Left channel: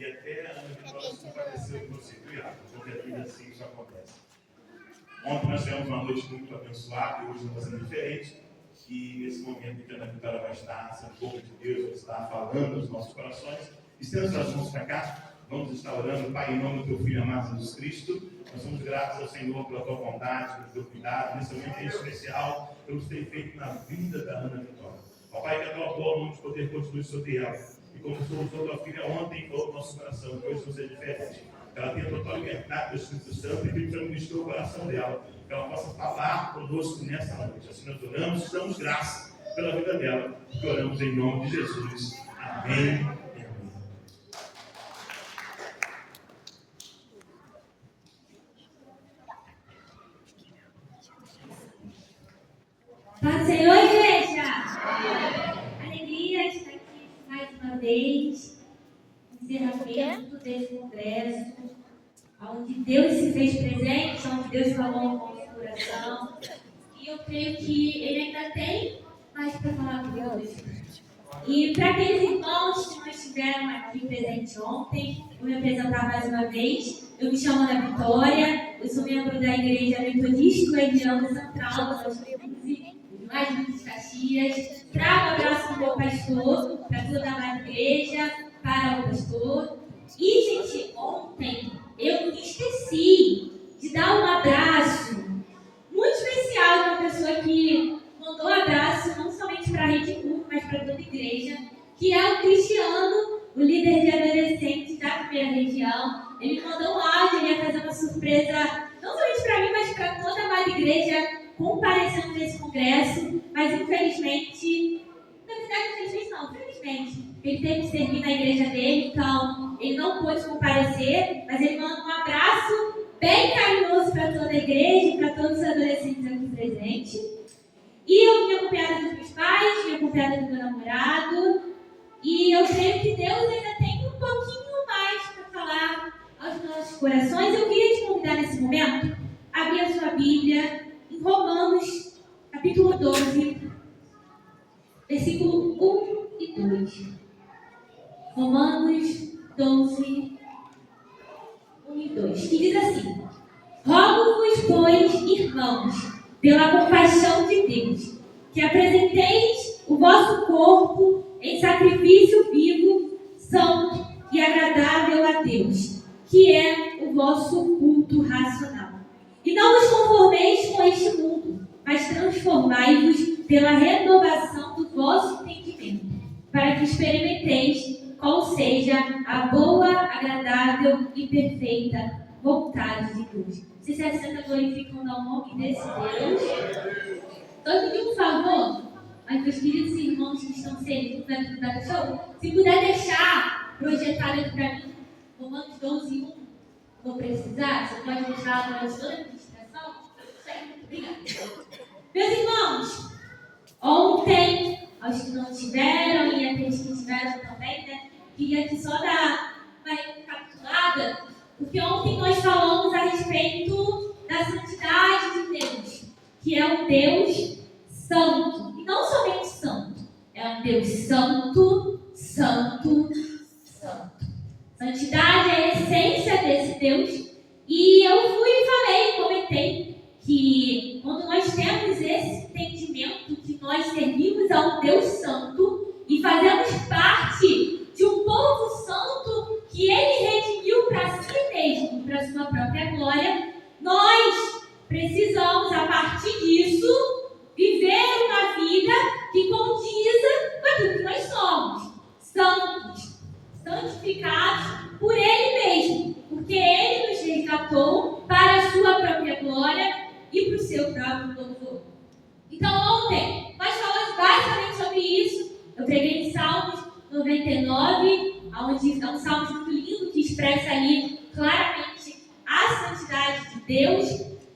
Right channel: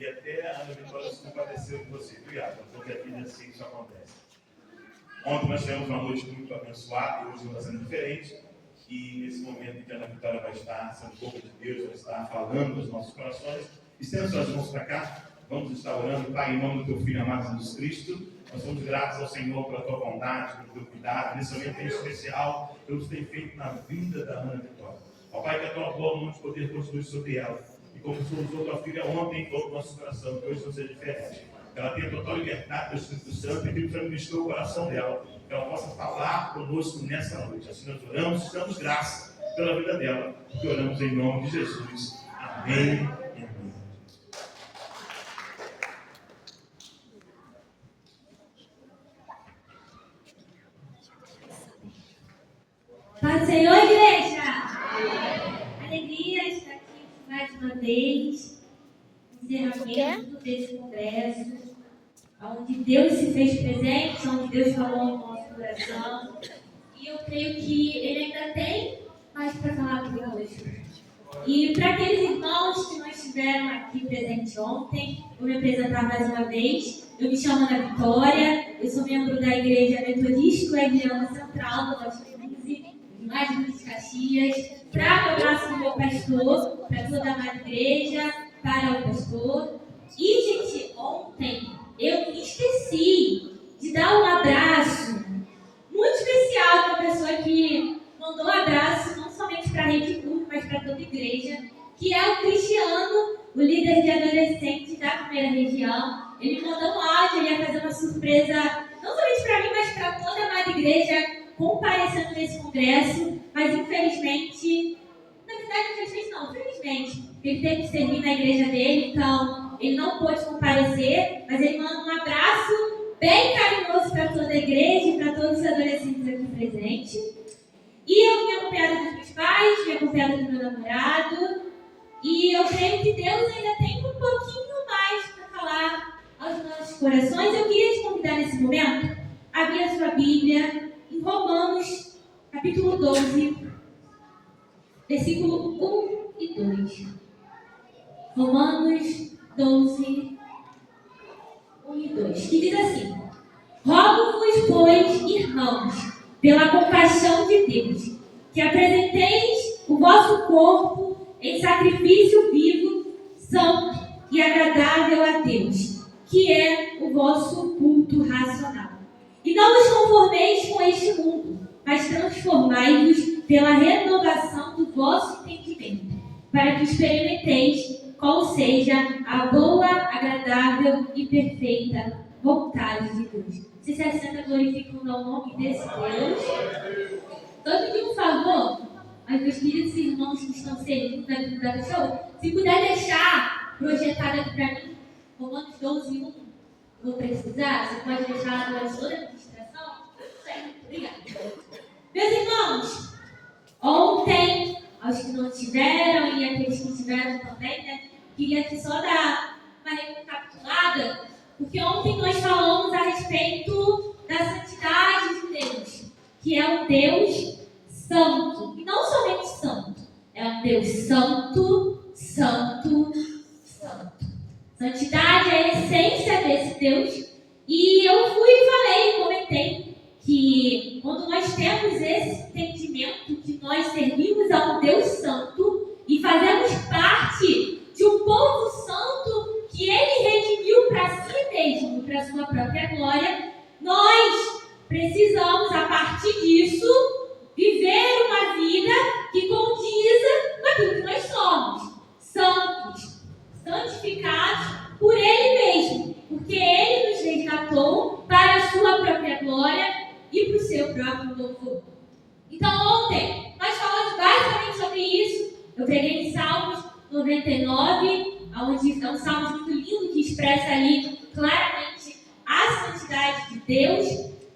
E até a Ana Vitória se compareceu com você, viu, Iago? Porque aqui assim isso acontece. Ontem nós tivemos uma noite muito abençoada e hoje não está sendo diferente. E nesse momento em que a Ana Vitória vai estar sendo boca de Deus, vai estar falando nos nossos corações, estenda suas mãos para cá, vamos estar orando, Pai, em nome do Teu Filho amado Jesus Cristo. Nós somos gratos ao Senhor pela Tua bondade, pelo Teu cuidado, nesse momento em especial, pelo que tem feito na vida da Ana Vitória. Ó Pai, que a Tua boa mão de poder continue sobre ela. E como usou Tua filha ontem, falou no nosso coração, que hoje não seja diferente. Que ela tenha total liberdade do Espírito Santo e que Ele ministrou o coração dela. Que ela possa falar conosco nessa noite. Assim nós oramos e damos graça pela vida dela. Que oramos em nome de Jesus. Amém. Paz do Senhor, igreja! Alegria estar aqui mais uma vez, no encerramento desse congresso, onde Deus se fez presente, onde Deus falou ao nosso coração. E eu creio que Ele ainda tem mais para falar conosco. E para aqueles irmãos que não estiveram aqui presentes ontem, vou me apresentar mais uma vez. Eu me chamo Ana Vitória, eu sou membro da Igreja Metodista Uediana Central do Norte 15, mais de Caxias. Trago o abraço do meu pastor, para toda a amada igreja, para o pastor. E, gente, ontem eu esqueci de dar um abraço muito especial para a pessoa que mandou um abraço não somente para a Rede Curva, mas para toda a igreja, que é o Cristiano, o líder de adolescentes da primeira região. Ele me mandou um áudio, ele ia fazer uma surpresa, não somente para mim, mas para toda a amada igreja, comparecendo nesse congresso, mas infelizmente, na verdade, felizmente, ele teve que servir na igreja dele, então ele não pôde comparecer, mas ele manda um abraço bem carinhoso para toda a igreja e para todos os adolescentes aqui presentes. E eu vim acompanhada dos meus pais, vim acompanhada do meu namorado, e eu creio que Deus ainda tem um pouquinho mais para falar aos nossos corações. Eu queria te convidar nesse momento a abrir a sua Bíblia em Romanos, capítulo 12, versículo 1 e 2. Romanos 12, 1 e 2, que diz assim: Rogo-vos, pois, irmãos, pela compaixão de Deus, que apresenteis o vosso corpo em sacrifício vivo, santo e agradável a Deus, que é o vosso culto racional. E não vos conformeis com este mundo, mas transformai-vos pela renovação do vosso entendimento, para que experimenteis qual seja a boa, agradável e perfeita vontade de Deus. Se assenta glorificando ao nome desse Deus. Então, eu pedi um favor aos meus queridos irmãos que estão servindo aqui da show, se puder deixar projetado aqui para mim, Romanos 12, 1. Vou precisar, você pode deixar lá toda a administração? Isso aí, obrigada. Meus irmãos, ontem, aos que não tiveram e aqueles que tiveram também, né? Queria aqui só dar uma recapitulada, porque ontem nós falamos a respeito da santidade de Deus, que é um Deus santo, e não somente santo, é um Deus santo, santo, santo. Santidade é a essência desse Deus, e eu fui e falei, comentei, que quando nós temos esse entendimento que nós servimos a um Deus santo e fazemos parte de um povo santo que Ele redimiu para si mesmo, para sua própria glória, nós precisamos, a partir disso, viver uma vida que condiza com aquilo que nós somos, santos, santificados por Ele mesmo, porque Ele nos resgatou para a sua própria glória e para o seu próprio louvor. Então, ontem, nós falamos basicamente sobre isso. Eu preguei em Salmos 99, onde é um salmo muito lindo que expressa ali claramente a santidade de Deus.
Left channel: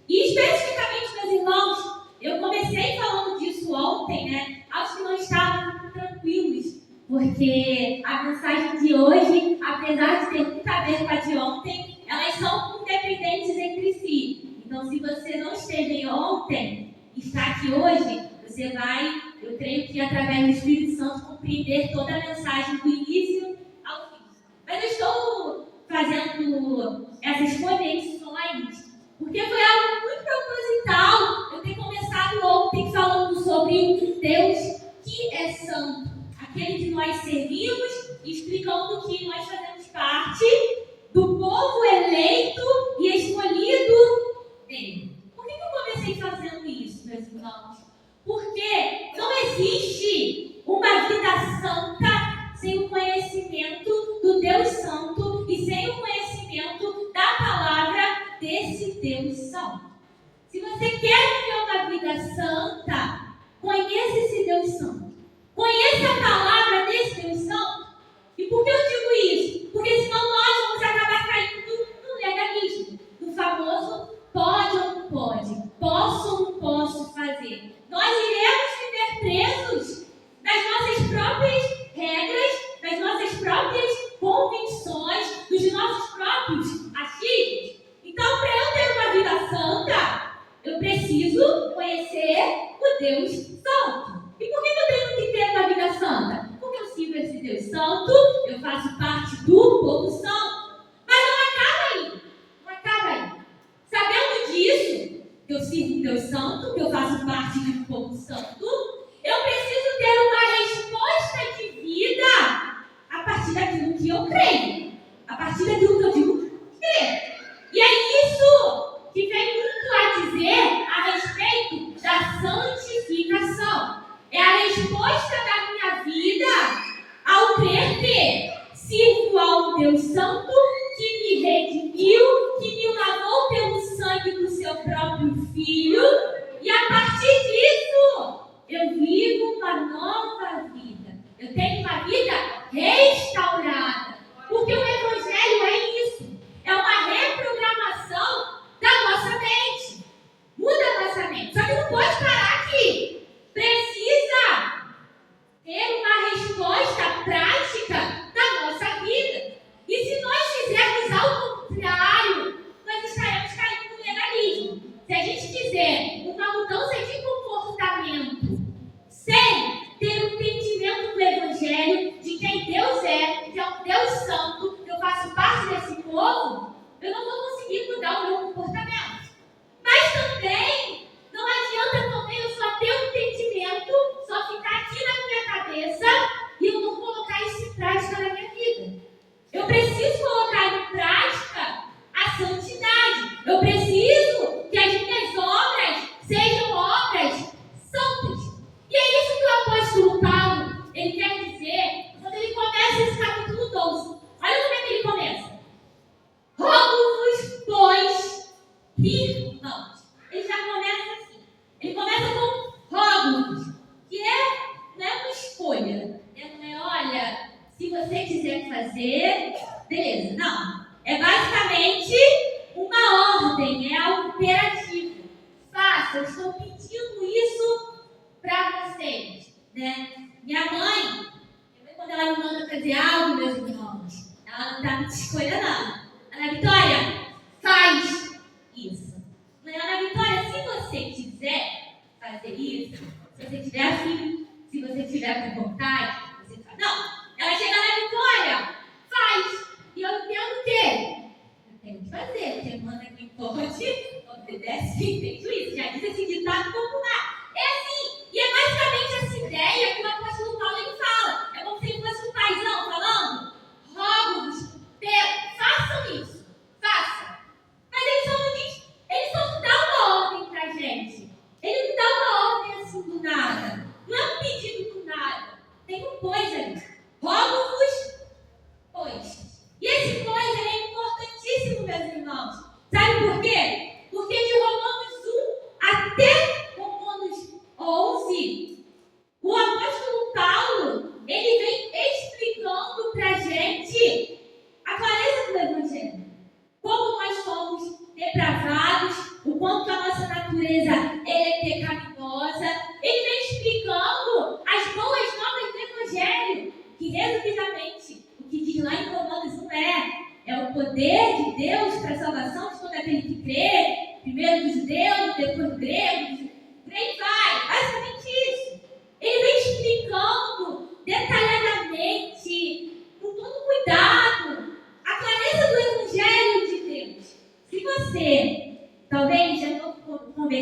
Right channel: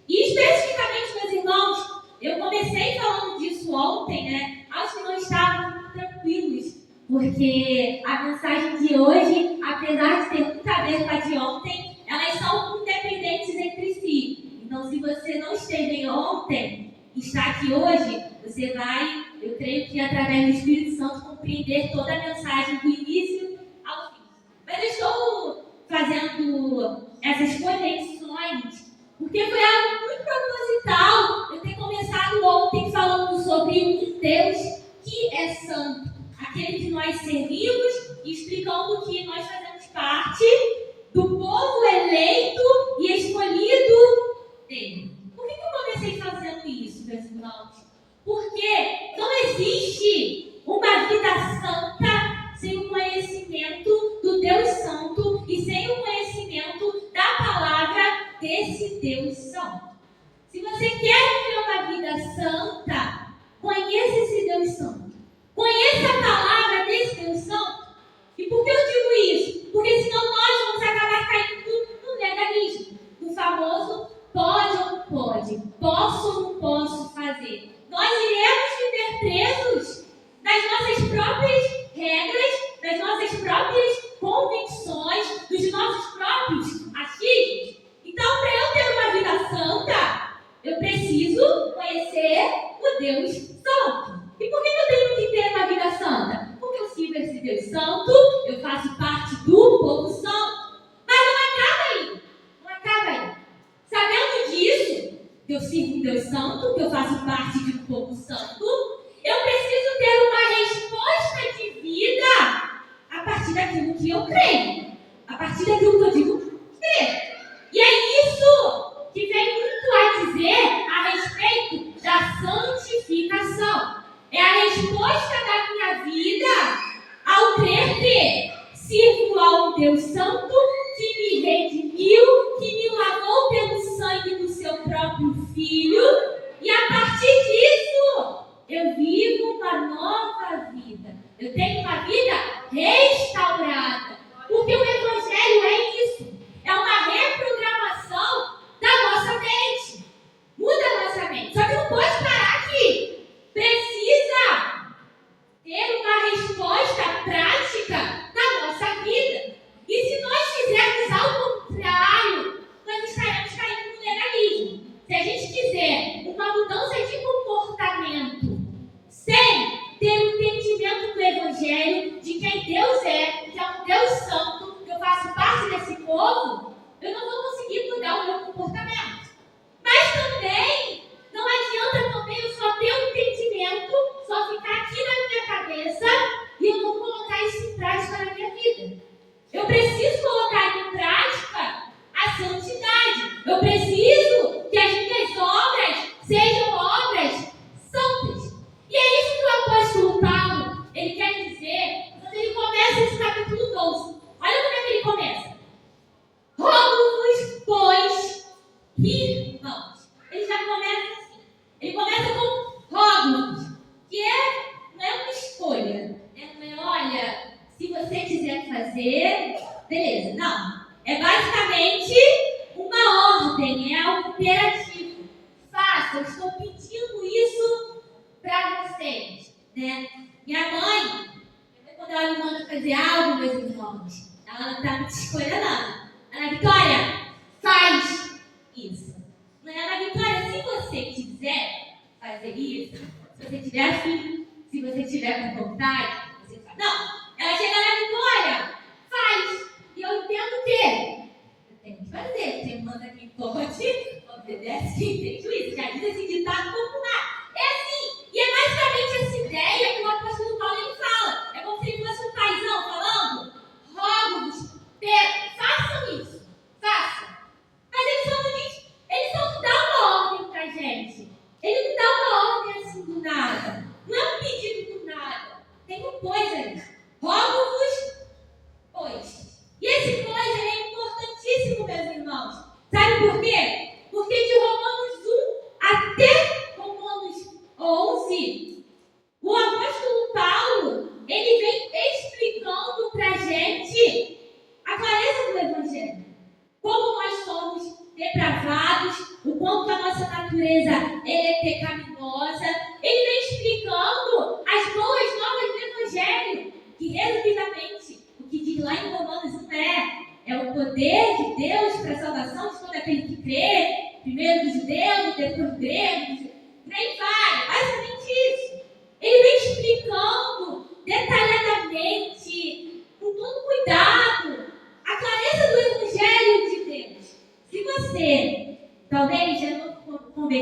E especificamente, meus irmãos, eu comecei falando disso ontem, né? Acho que não estavam muito tranquilos, porque a mensagem de hoje, apesar de ter muito a ver com a de ontem, elas são independentes entre si. Então, se você não esteve ontem e está aqui hoje, você vai, eu creio que através do Espírito Santo, compreender toda a mensagem do início ao fim. Mas eu estou fazendo essas conexões, porque foi algo muito proposital eu ter começado ontem falando sobre um Deus que é santo, aquele que nós servimos, e explicando que nós fazemos parte do povo eleito e escolhido dele. Por que eu comecei fazendo isso, meus irmãos? Porque não existe uma vida santa sem o conhecimento do Deus Santo e sem o conhecimento da palavra desse Deus Santo. Se você quer viver uma vida santa, conheça esse Deus Santo. Conheça a palavra desse Deus Santo. E por que eu digo isso? Porque senão nós vamos acabar caindo no legalismo, no famoso pode ou não pode, posso ou não posso fazer. Nós iremos viver presos nas nossas próprias regras, nas nossas próprias convicções, nos nossos próprios achismos. Então, para eu ter uma vida santa, eu preciso conhecer o Deus Santo. E por que eu tenho que ter uma vida santa? Porque eu sirvo esse Deus Santo, eu faço parte do povo santo. Mas não acaba aí. Não acaba aí. Sabendo disso, que eu sirvo um Deus Santo, que eu faço parte de um povo santo, eu preciso ter uma resposta de vida a partir daquilo que eu creio. A partir daquilo que eu digo crer. E é isso que vem muito a dizer a respeito da santificação. É a resposta da minha vida ao crer que sirvo a um Deus Santo que me redimiu, que me lavou pelo sangue do seu próprio Filho, e a partir disso eu vivo uma nova vida. Eu tenho uma vida restaurada, porque o Evangelho é isso, é uma reprogramação da nossa mente. Muda a nossa mente, só que não pode parar aqui. Precisa ter uma resposta prática na nossa vida. E se nós fizermos ao contrário, nós estaremos caindo no legalismo. Se a gente quiser uma mudança de comportamento sem ter o entendimento do Evangelho, de quem Deus é, que é um Deus Santo, que eu faço parte desse povo, eu não vou conseguir mudar o meu comportamento. Mas também não adianta também eu só ter um entendimento, só ficar aqui na minha cabeça e eu não colocar isso em prática na minha vida. Eu preciso colocar em prática a santidade. Eu preciso que as minhas obras sejam obras santas. E é isso que o apóstolo Paulo, ele quer dizer quando ele começa esse capítulo 12. Olha como é que ele começa. Rogo-vos, pois, irmãos. Ele já começa assim. Ele começa com rogo-vos, que não é uma escolha. Não é, olha, se você quiser fazer, beleza. Não. É basicamente uma ordem, é algo imperativo. Faça, eu estou pedindo isso para vocês. Né? Minha mãe, quando ela me manda fazer algo, meus irmãos, ela não dá muita escolha, não. Ana Vitória, faz isso. Ana Vitória, se você quiser fazer isso, se você tiver filho, se você tiver com vontade, você faz. Não, ela chega na Vitória, faz. E eu entendo que eu tenho que fazer. Quem manda quem pode, obedece quem tem juízo. Já diz esse ditado popular. É assim. E é basicamente essa ideia que o apóstolo Paulo ele fala. É como se ele fosse um paizão falando: rogo-vos, façam isso, façam. Mas ele só não dá uma ordem pra gente. Ele não dá uma ordem assim do nada. Não é um pedido do nada. Tem um pois aí. Rogo-vos, pois. E esse pois é importantíssimo, meus irmãos. Sabe por quê? Porque de Romanos 1 até Romanos 11, o apóstolo Paulo, ele vem explicando pra gente a clareza do Evangelho. Como nós somos depravados, o quanto a nossa natureza é pecaminosa. Ele vem explicando as boas novas do Evangelho, que resumidamente, o que diz lá em Romanos 1 é o poder de Deus para a salvação de todo aquele que crê, primeiro do judeu, depois do grego, por aí vai, basicamente isso. Ele vem explicando detalhadamente, com todo cuidado, a clareza do Evangelho de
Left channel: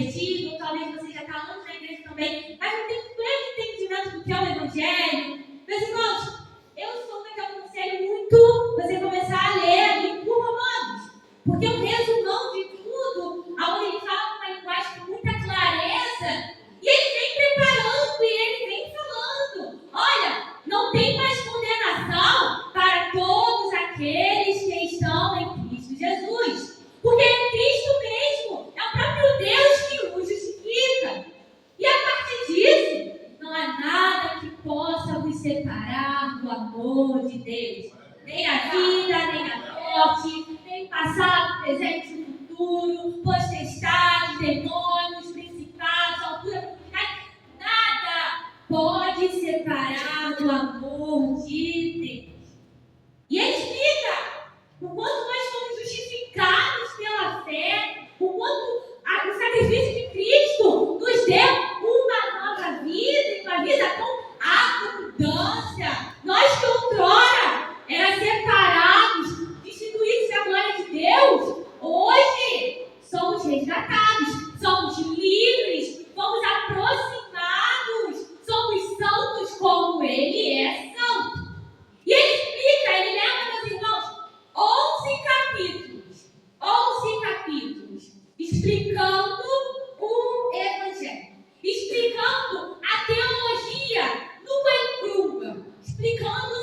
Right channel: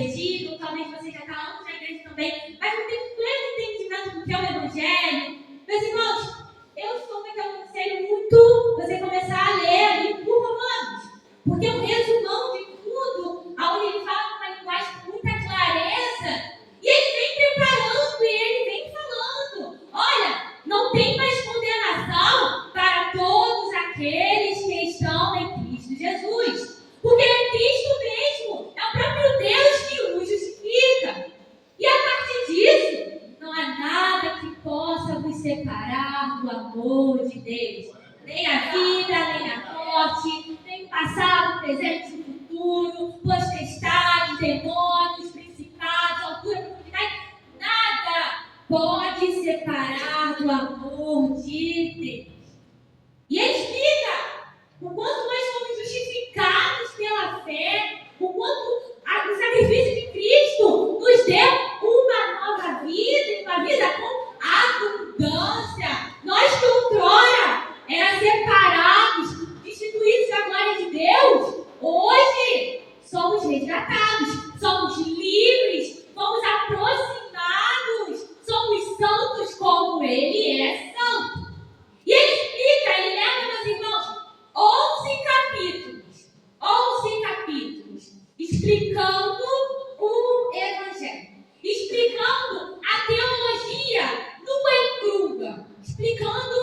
convertido, ou talvez você já está anos na igreja também, mas não tem pleno entendimento do que é o Evangelho. Meus irmãos, eu super te aconselho muito você começar a ler ali por Romanos, porque é um resumão de tudo, onde ele fala com uma linguagem com muita clareza, e ele vem preparando, e ele vem falando, olha, não tem mais condenação para todos aqueles que estão em Cristo Jesus, porque é Cristo mesmo, é o próprio Deus que o justifica, e a partir disso, não há nada que possa vos separar do amor de Deus, nem a vida, nem a morte, nem o passado, presente e futuro, potestades, demônios, principados, altura, profundidade, nada pode separar do amor de Deus. E ele explica o quanto nós somos justificados pela fé, o quanto o sacrifício de Cristo nos deu uma nova vida, e uma vida com abundância. Nós que outrora eram separados, destituídos da glória de Deus, hoje somos resgatados, somos livres, fomos aproximados, somos santos como Ele é santo. E ele explica, ele leva, meus irmãos, 11 capítulos, explicando o Evangelho, explicando a teologia nua e crua, explicando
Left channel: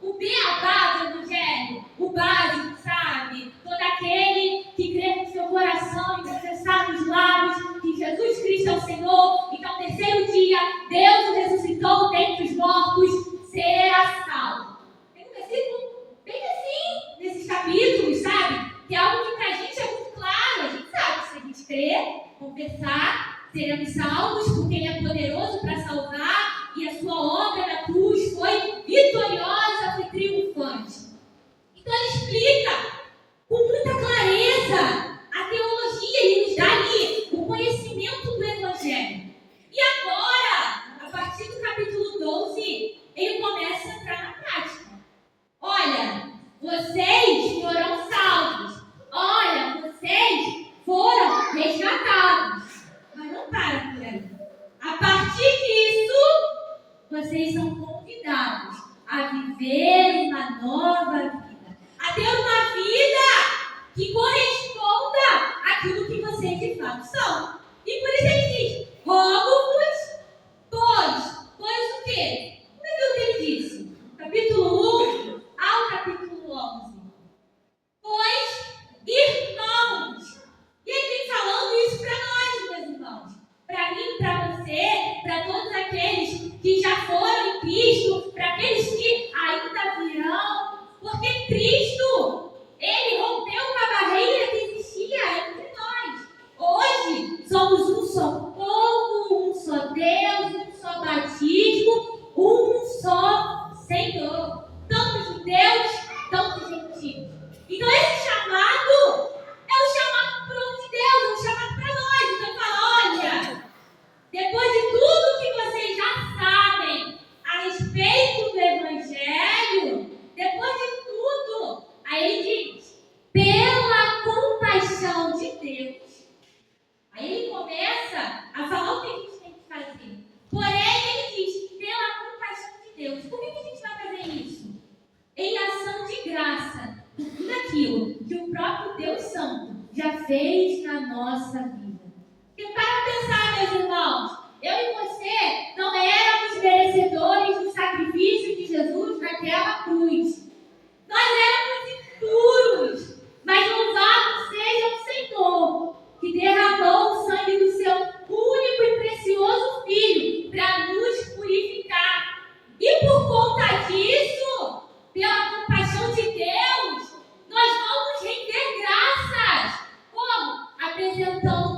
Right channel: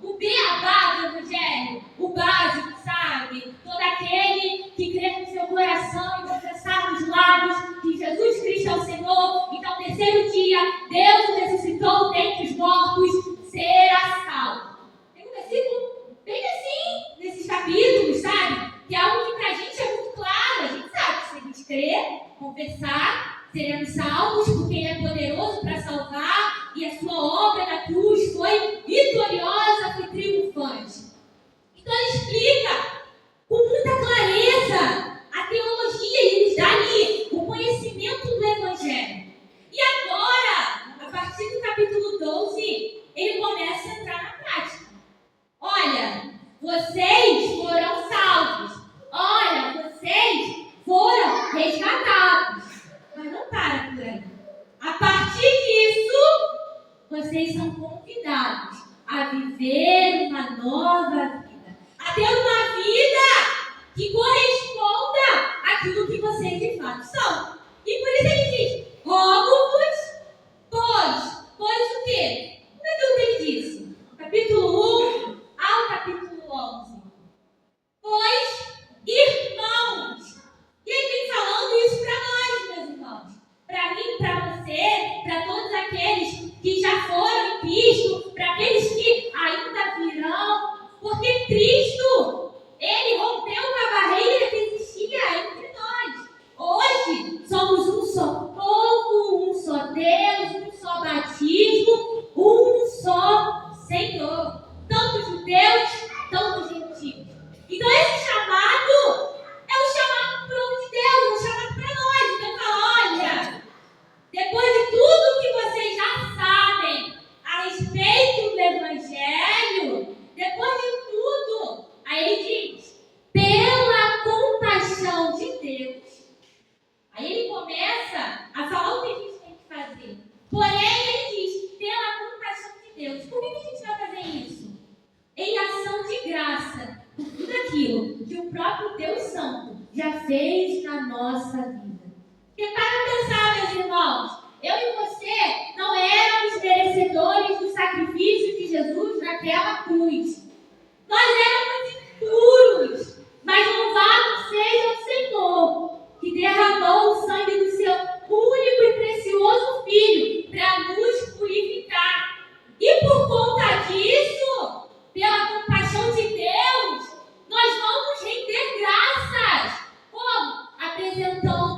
o beabá do Evangelho, o básico, sabe? Todo aquele que crê no seu coração e confessar nos lábios que Jesus Cristo é o Senhor, e que ao terceiro dia Deus o ressuscitou dentre os mortos, será salvo. Tem um versículo bem assim, nesses capítulos, sabe? Que é algo que pra gente é muito claro. A gente sabe que se a gente crer, confessar, seremos salvos, porque Ele é poderoso para salvar, e a sua obra na cruz foi vitoriosa, foi triunfante. Então ele explica com muita clareza a teologia, e ele nos dá ali o conhecimento do Evangelho. E agora, a partir do capítulo 12, ele começa a entrar na prática. Olha, vocês foram salvos. Olha, vocês foram resgatados. Mas não para por aí. A partir disso, vocês são convidados a viver uma nova vida. A ter uma vida que corresponda àquilo que vocês de fato são. E por isso ele diz, rogo-vos, pois o quê? Como é que ele disse? Capítulo 1 ao capítulo 11. Pois, irmãos. E ele vem falando isso para nós, meus irmãos. Para mim, para você, para todos aqueles que já foram em Cristo, para aqueles que ainda virão. Porque Cristo, Ele rompeu com a barreira que existia entre nós. Hoje, somos um só povo, um só Deus, um só batismo, um só Senhor. Tanto judeus, tanto gentios. Então, esse chamado é o chamado para o povo de Deus, é um chamado para nós. Então, fala, olha, depois de tudo que vocês já sabem a respeito do Evangelho, depois de tudo, aí ele diz, pela compaixão de Deus. Aí ele começa a falar o que a gente tem que fazer. Porém, ele diz, pela compaixão de Deus. Por que a gente vai fazer isso? Em ação de graça, por tudo aquilo que o próprio Deus Santo já fez na nossa vida. Porque para pensar, meus irmãos, eu e você não éramos merecedores do sacrifício de Jesus naquela cruz. Nós éramos impuros, mas louvado seja o Senhor, que derramou o sangue do seu único e precioso Filho para nos purificar. E por conta disso, pela compaixão de Deus, nós vamos render graças. Como? Apresentando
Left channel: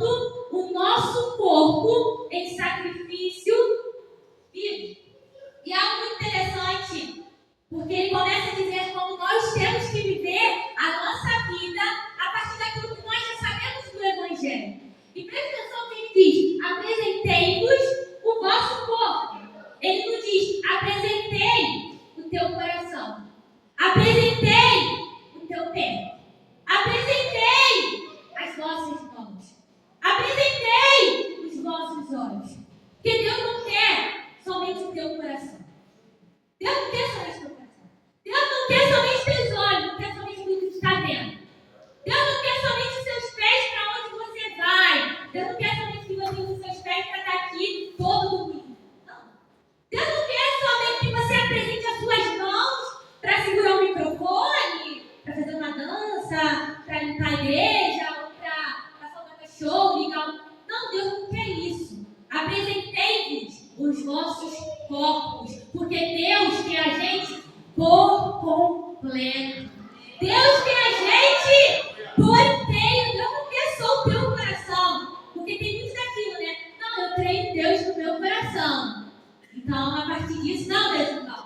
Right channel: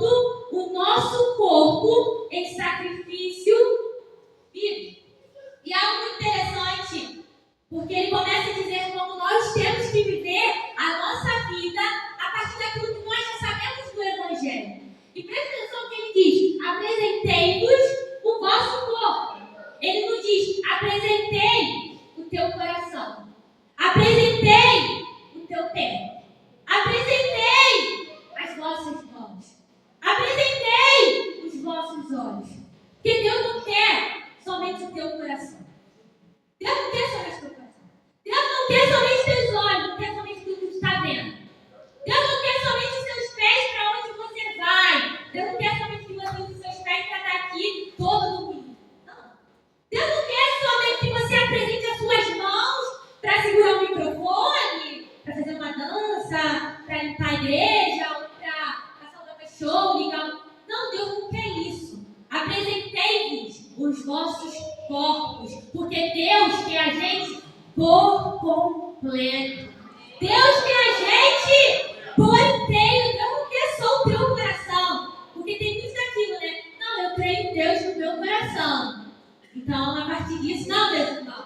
Deus quer a gente por inteiro. Deus não quer só o teu coração. Porque tem muito daquilo, né? Não, eu creio em Deus no meu coração. Então, a partir disso, não, Deus, não.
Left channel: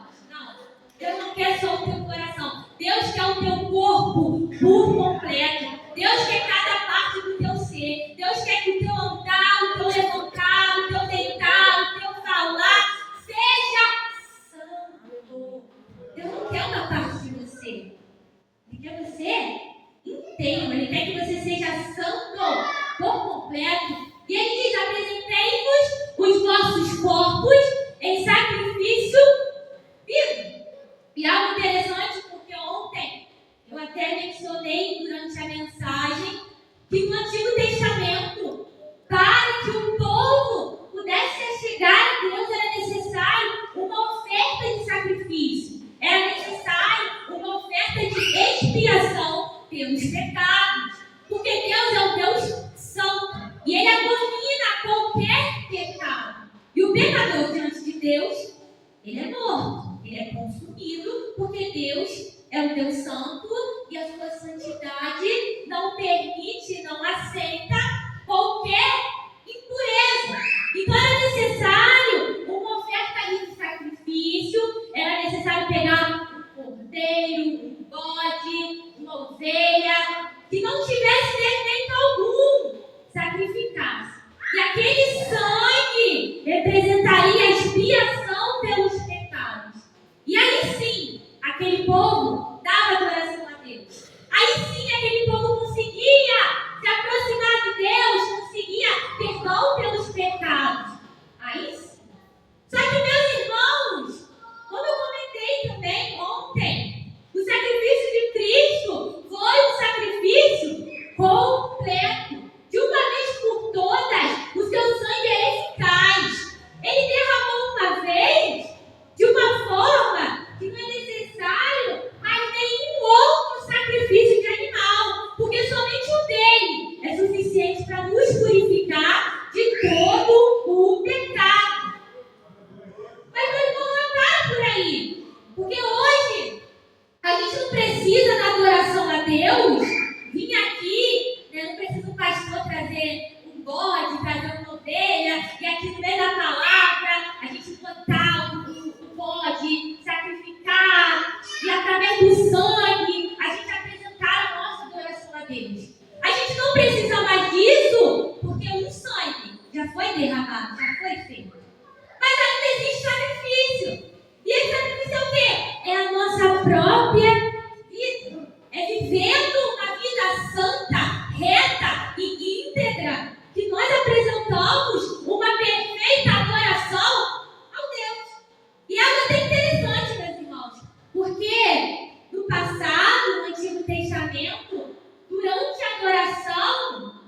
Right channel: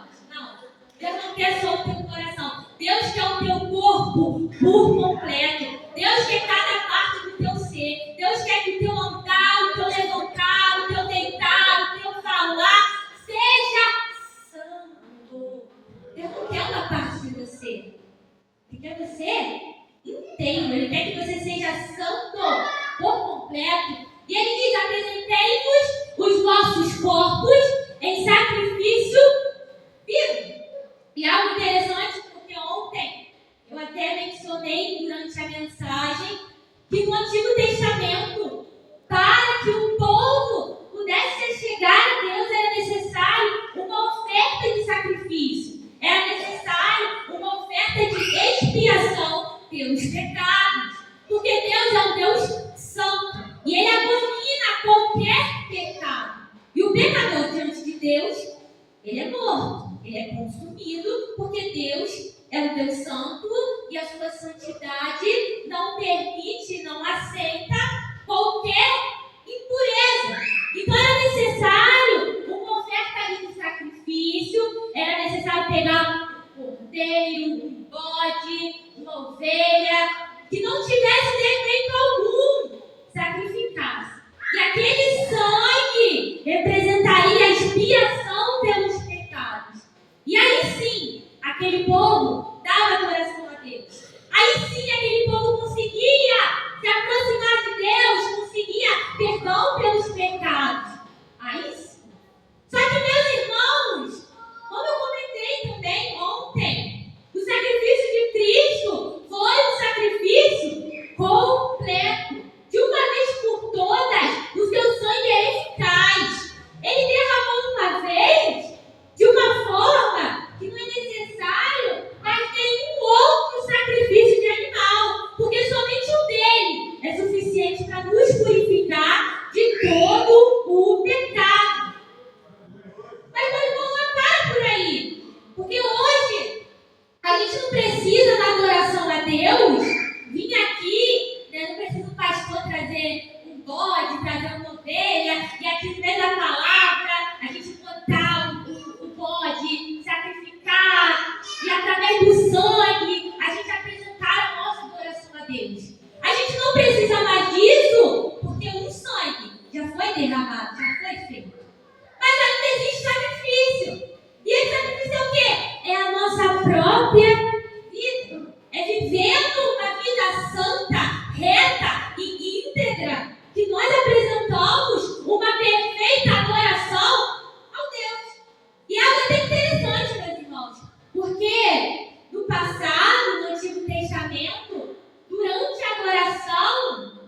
Deus não quer só o teu coração. Deus quer o teu corpo por completo. Deus quer cada parte do teu ser. Deus quer que o teu andar, o teu levantar, o teu deitar, o teu falar seja santo. Deus não quer uma parte de você. Ele quer você inteiro. Ele quer que você seja santo por completo. E ele diz: apresentei-vos os vossos corpos em sacrifício vivo. E algo interessante, porque ontem eu até mencionei durante a mensagem que no Antigo Testamento, para que o povo pudesse chegar a Deus, era necessário uma oferta de sacrifício. Era necessário uma oferta de expiação pelos pecados. Porque Deus é um Deus santo. E Ele abomina qualquer pecado. E o pecador diante de Deus, ele é morto. Ele é consumido, porque Deus é um Deus santo e a sua santidade não permite, não aceita qualquer impureza. Então era necessário uma oferta de sacrifício, era necessário pegar um cordeiro, um bode, uma ovelha, que não tivesse defeito algum, sacrificasse. E aquele sangue representaria a expiação pelos pecados. E aí sim, aquele povo dava adoração a Deus. Aí sim, aquele povo conseguia se aproximar de Deus, conseguia perdão pelos pecados. Aí sim. Só que, meus irmãos, como eu comentei também ontem, o sacrifício de Cristo foi um sacrifício completo. De uma vez por todas, o seu sangue é eficaz. Ele derramou uma vez, de uma forma que não é necessário mais nenhum outro sacrifício de animal, porque somente o dele é suficiente para nos purificar de todo o pecado. Mas nós vamos andar por aí, porque hoje a gente não precisa da adoração a Deus vir aqui, né? Não precisa o pastor trazer um bode, trazer uma ovelha, e aqui no meio da palavra a gente botar o bode, sacrificar, e através do sangue a gente apresentar a nossa adoração a Deus. A gente não precisa mais disso, porque o sangue já foi derramado, já foi feito. Mas ainda existe sacrifício. E esse sacrifício é o quê? É a nossa própria vida. É vivendo uma vida santa, reta e íntegra, que nós apresentamos uma perfeita adoração ao Deus. E é algo até interessante, meus irmãos, porque no passado, no Antigo Testamento, durante a adoração,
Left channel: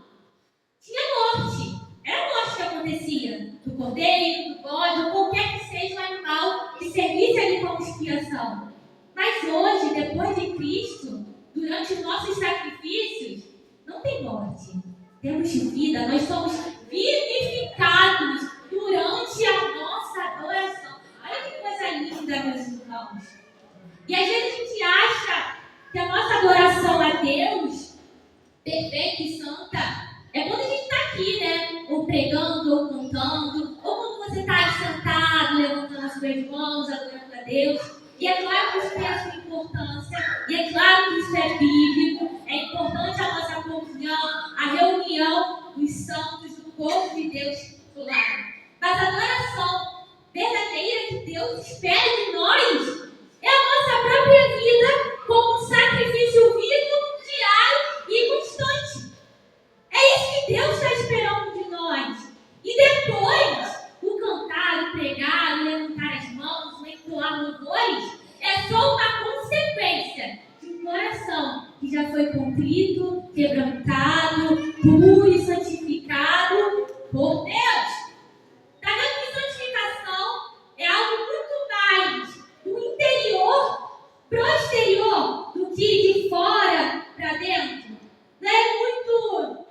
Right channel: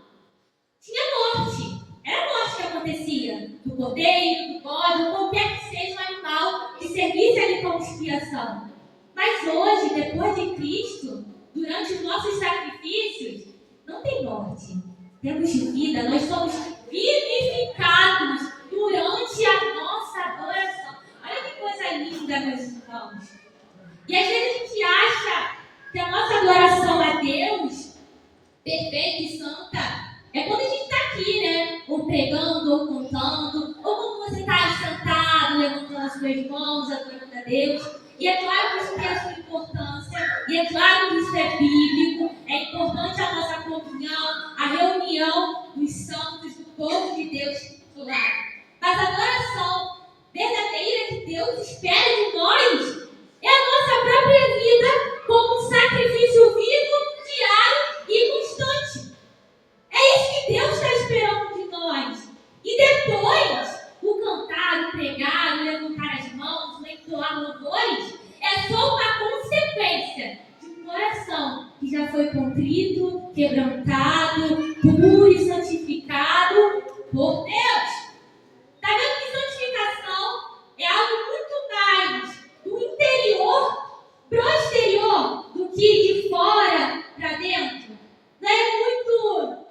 tinha morte. Era morte que acontecia. Do cordeiro, do bode, ou qualquer que seja o animal que servisse ali como expiação. Mas hoje, depois de Cristo, durante os nossos sacrifícios, não tem morte. Temos vida, nós somos vivificados durante a nossa adoração. Olha que coisa linda, meus irmãos. E às vezes a gente acha que a nossa adoração a Deus, perfeita e santa, é quando a gente está aqui, né? Ou pregando, ou cantando, ou quando você está aí sentado, levantando as suas mãos, adorando a Deus. E é claro que isso tem a sua importância, e é claro que isso é bíblico, é importante a nossa comunhão, a reunião dos santos, do povo de Deus do lado. Mas a adoração verdadeira que Deus espera de nós é a nossa própria vida como um sacrifício vivo, diário e constante. É isso que Deus está esperando de nós. E depois, o cantar, o pregar, o levantar as mãos, o entoar louvores, é só uma consequência de um coração que já foi contrito, quebrantado, puro e santificado por Deus. Está vendo que santificação é algo muito mais do interior para o exterior do que de fora para dentro? Não é muito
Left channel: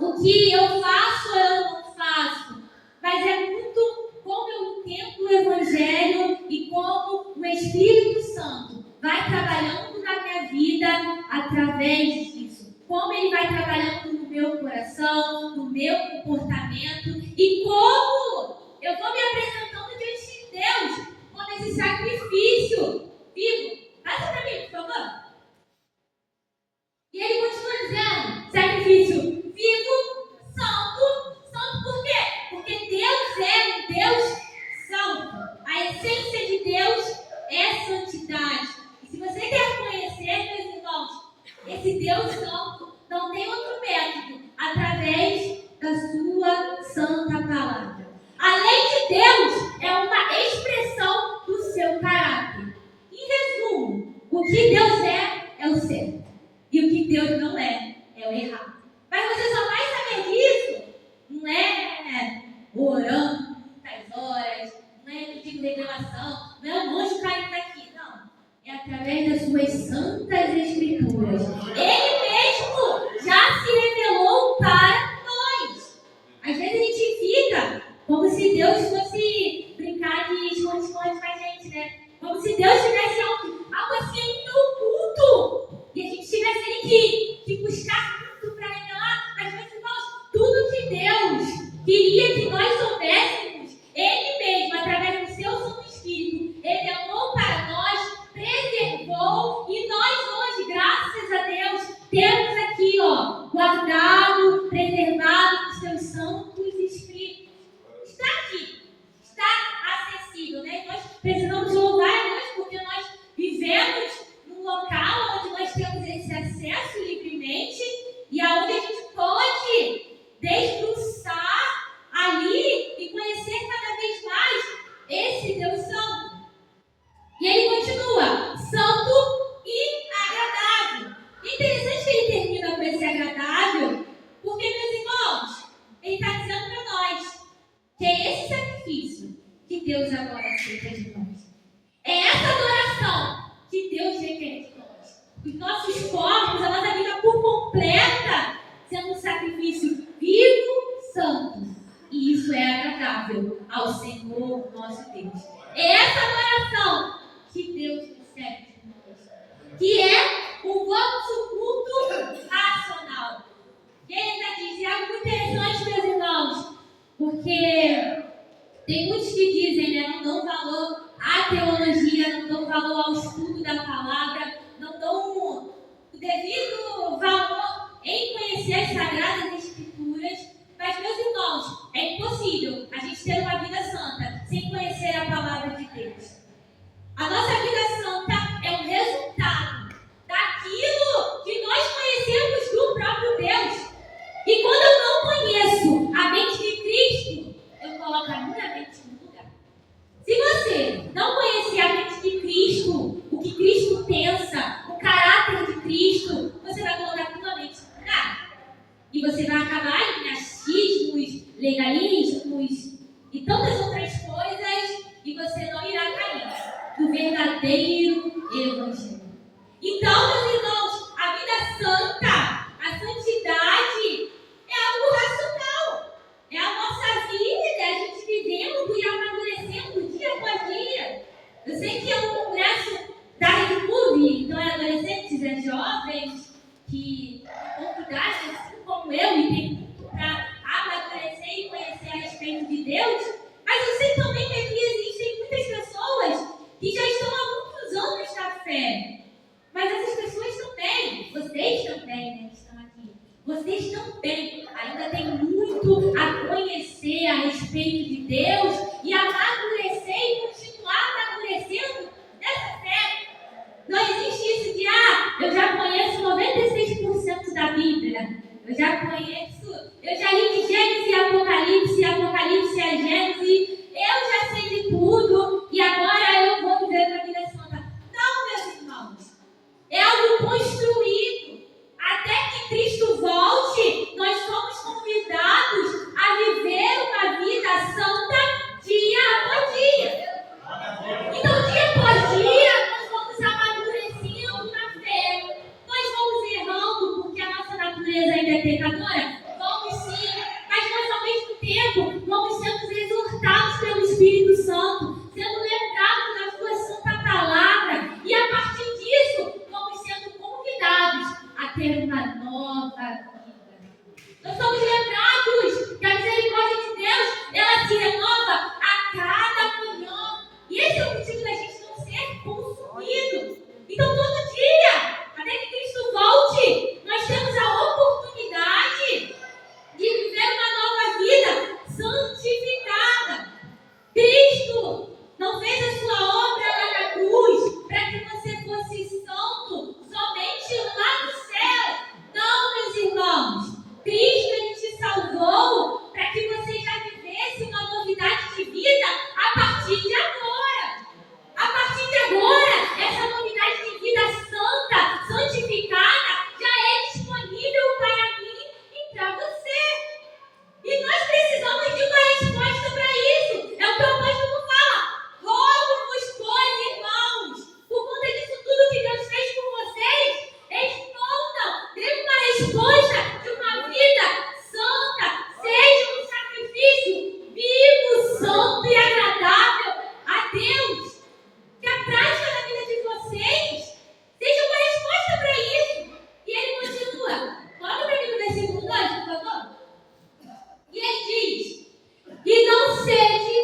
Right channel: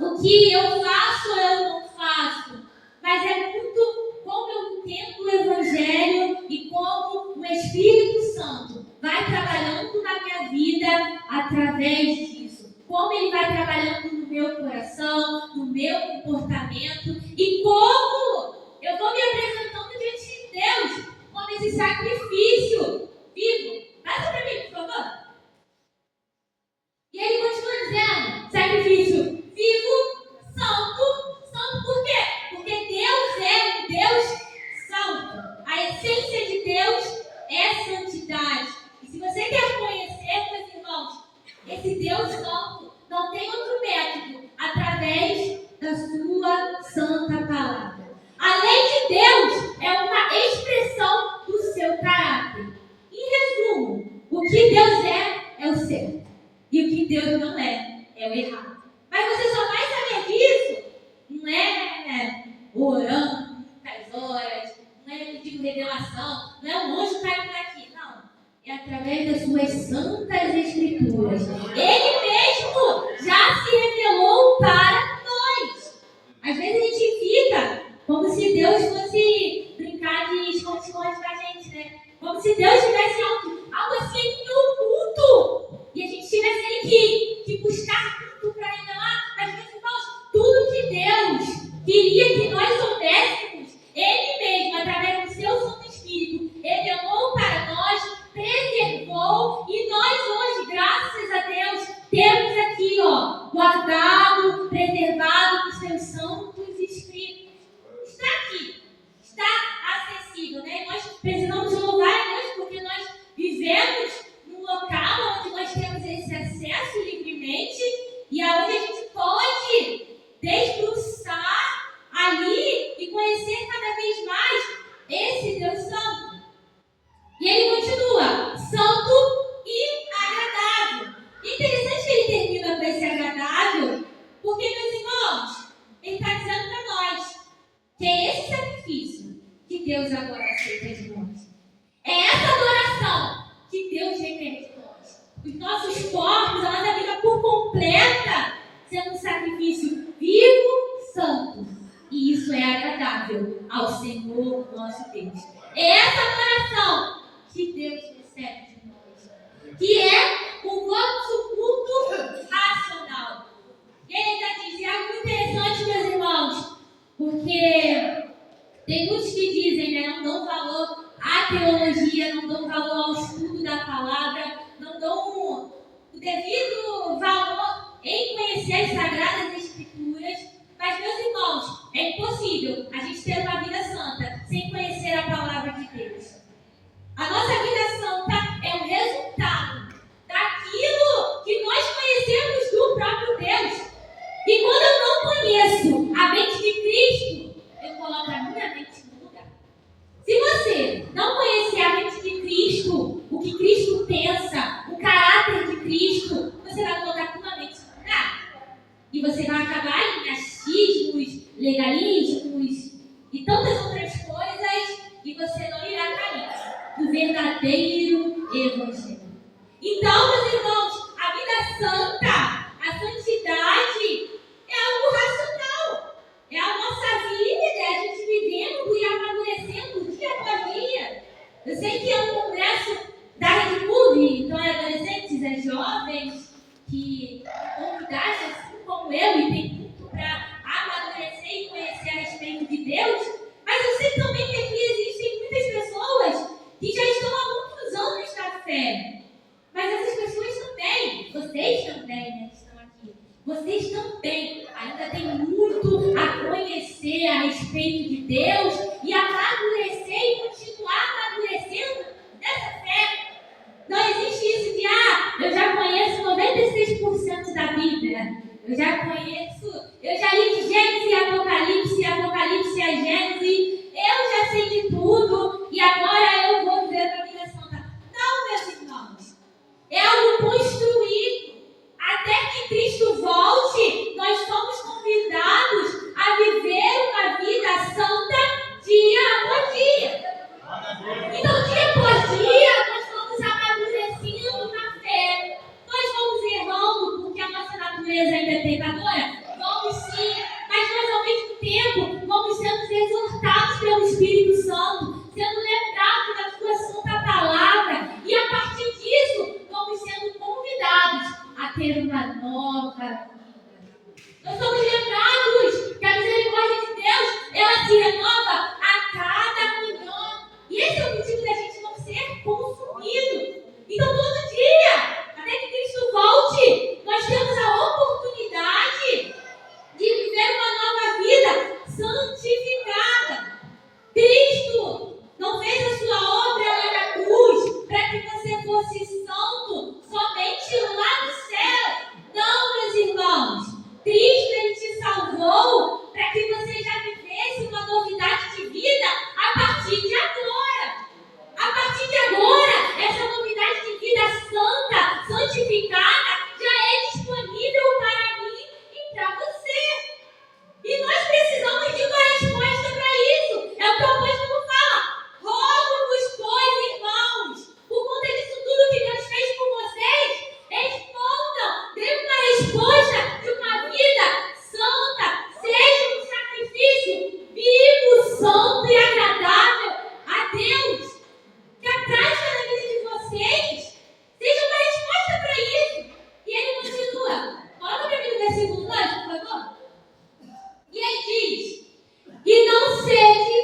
o que eu faço ou eu não faço, mas é muito como eu entendo o Evangelho e como o Espírito Santo vai trabalhando na minha vida através disso. Como Ele vai trabalhando no meu coração, no meu comportamento e como eu vou me apresentando diante de Deus como esse sacrifício vivo. Passa para mim, por favor. E Ele continua dizendo, sacrifício vivo, santo. Santo por quê? Porque Deus é um Deus santo. A essência de Deus é santidade. E se você quer conhecer, meus irmãos, esse Deus santo não tem outro método através da sua santa palavra. A lei de Deus é uma expressão do seu caráter. Em resumo, o que Deus é o certo. E o que Deus não é o errado. Mas você só vai saber disso não é orando muitas horas, não é pedindo revelação, não é um anjo caindo daqui, não. É através das suas santas escrituras. Ele mesmo já se revelou para nós. Às vezes a gente fica como se Deus fosse brincar de esconde-esconde com a gente, né? Como se Deus tivesse algo assim oculto e a gente tivesse que buscar tudo para revelar. Mas, meus irmãos, tudo que Deus queria que nós soubéssemos, Ele mesmo, através do seu Santo Espírito, revelou para nós, preservou, e nós hoje, graças a Deus, temos aqui, guardado, preservado os seus santos escritos. Está aqui, está acessível, né? Nós precisamos louvar a Deus porque nós vivemos num local onde nós temos esse acesso livremente e aonde a gente pode desbruçar ali e conhecer cada vez mais esse Deus santo. E ele continua, santo e agradável. E interessante que ele termina com esse agradável, porque, meus irmãos, ele está dizendo para nós que é esse sacrifício que Deus agora aceita de nós. É essa adoração que Deus requer de nós. Os nossos corpos, a nossa vida por completa, sendo um sacrifício vivo, santo. E isso é agradável ao Senhor nosso Deus. É essa adoração que Deus recebe de nós, que é o vosso culto racional. E ele ainda diz algo muito interessante, meus irmãos, porque tem muitos que dizem, né, não dão valor à teologia, não dão valor ao estudo da palavra, não dão o devido valor em conhecer as Sagradas Escrituras. Mas, meus irmãos, é impossível a gente ter uma vida santa sem conhecer a palavra de Deus. A nossa vida santa é um resultado daquilo que nós conhecemos do próprio Deus. E quando eu não conheço a mente de Cristo, eu coloco a minha mente no lugar. Se você não conhecer a mente de Cristo, o que Cristo pensa, o caráter de Cristo, você vai colocar a sua mente no lugar. E você vai acabar em achismos, legalismos e tantas outras coisas, e você não irá cair do verdadeiro Evangelho. Então, meus irmãos, a vida santa, a santidade é algo racional. É a nossa vida, a gente vivendo e amadurecendo dia após dia. Eu sei que é um congresso da Rede Move, então é adolescentes, é jovens que convidados assim como eu e tem muito para amadurecer e conhecer a respeito de Deus. Mas eu sei também que aqui existem muitas pessoas que já estão há muitos anos na fé. Mas essas pessoas também, vocês também, né, que estão aqui, vocês também ainda têm muito a conhecer a respeito de Deus e amadurecer e continuar amadurecendo nessa fé. Não existe isso de, eu já conheço 96% da Bíblia, eu já li de Gênesis a Apocalipse, Apocalipse a Gênesis, eu já sei de tudo e agora eu vou viver a vida santa. Não, meus irmãos, é algo construído. Até que Cristo volte, nós somos convidados a viver uma vida santa dia após dia. Então, dia após dia, nós vamos amadurecendo na fé. Nós vamos errando porque a nossa natureza ainda é pecadora. ter uma nova vida. Nós somos lembrados que a misericórdia de Deus, ela se renova a cada manhã. E esse é o motivo da gente não ser consumido. Então, todo dia, até que Cristo volte, nós temos a oportunidade de viver uma nova vida santificada. Cristo não fez a sua obra lá na cruz para que você fosse santo somente lá no céu. Não, meus irmãos. Cristo, Ele te salvou para que você já vivesse uma novidade de vida a partir de agora. A partir de agora, essa novidade de vida santa, santificada, já é disponível para mim e para você. E nós precisamos de uma resposta para isso. É o que o apóstolo fala. Rogo-vos, pois, irmãos, por conta disso tudo que Deus fez por vocês, respondam, dê uma resposta de uma vida santa, seja um sacrifício vivo, santo e agradável a Deus. Que a prática da vida de vocês seja uma resposta para isso. E ele continua. Coloca para mim no versículo 2, por favor. E ele diz: e não sede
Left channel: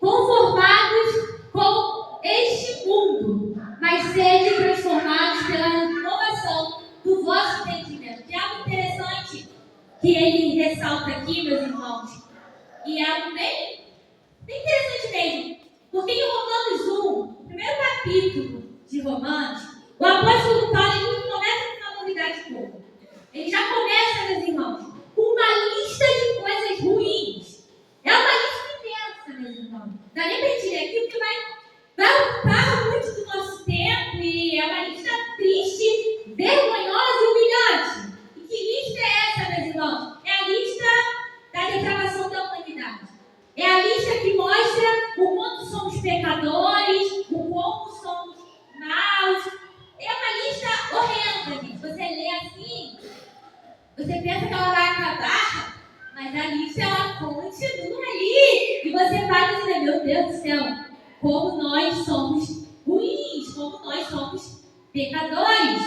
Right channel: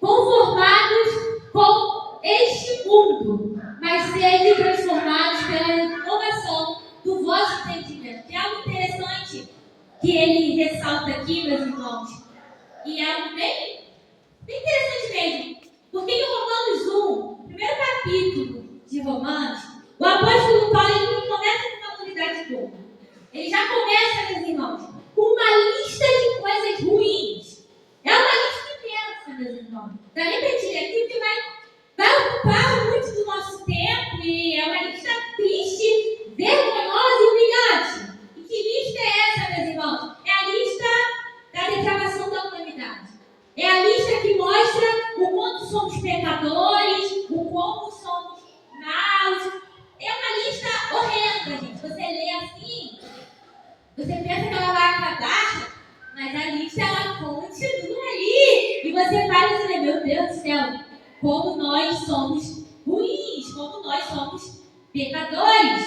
conformados com este mundo, mas sede transformados pela renovação do vosso entendimento. Que é algo interessante que ele ressalta aqui, meus irmãos. E é algo bem interessante mesmo. Porque em Romanos 1, no primeiro capítulo de Romanos, o apóstolo Paulo ele começa com uma novidade boa. Ele já começa, meus irmãos, com uma lista de coisas ruins. É uma lista intensa, meus irmãos. Dá nem para dizer aqui, porque vai ocupar muito do nosso tempo e é uma lista triste, vergonhosa e humilhante. E que lista é essa, meus irmãos? É a lista da depravação da humanidade. É a lista que mostra o quanto somos pecadores, o como somos maus. É uma lista horrenda, gente. Você lê assim, você pensa que ela vai acabar, mas a lista ela continua ali. E você vai e dizer, meu Deus do céu, como nós somos ruins, como nós somos pecadores.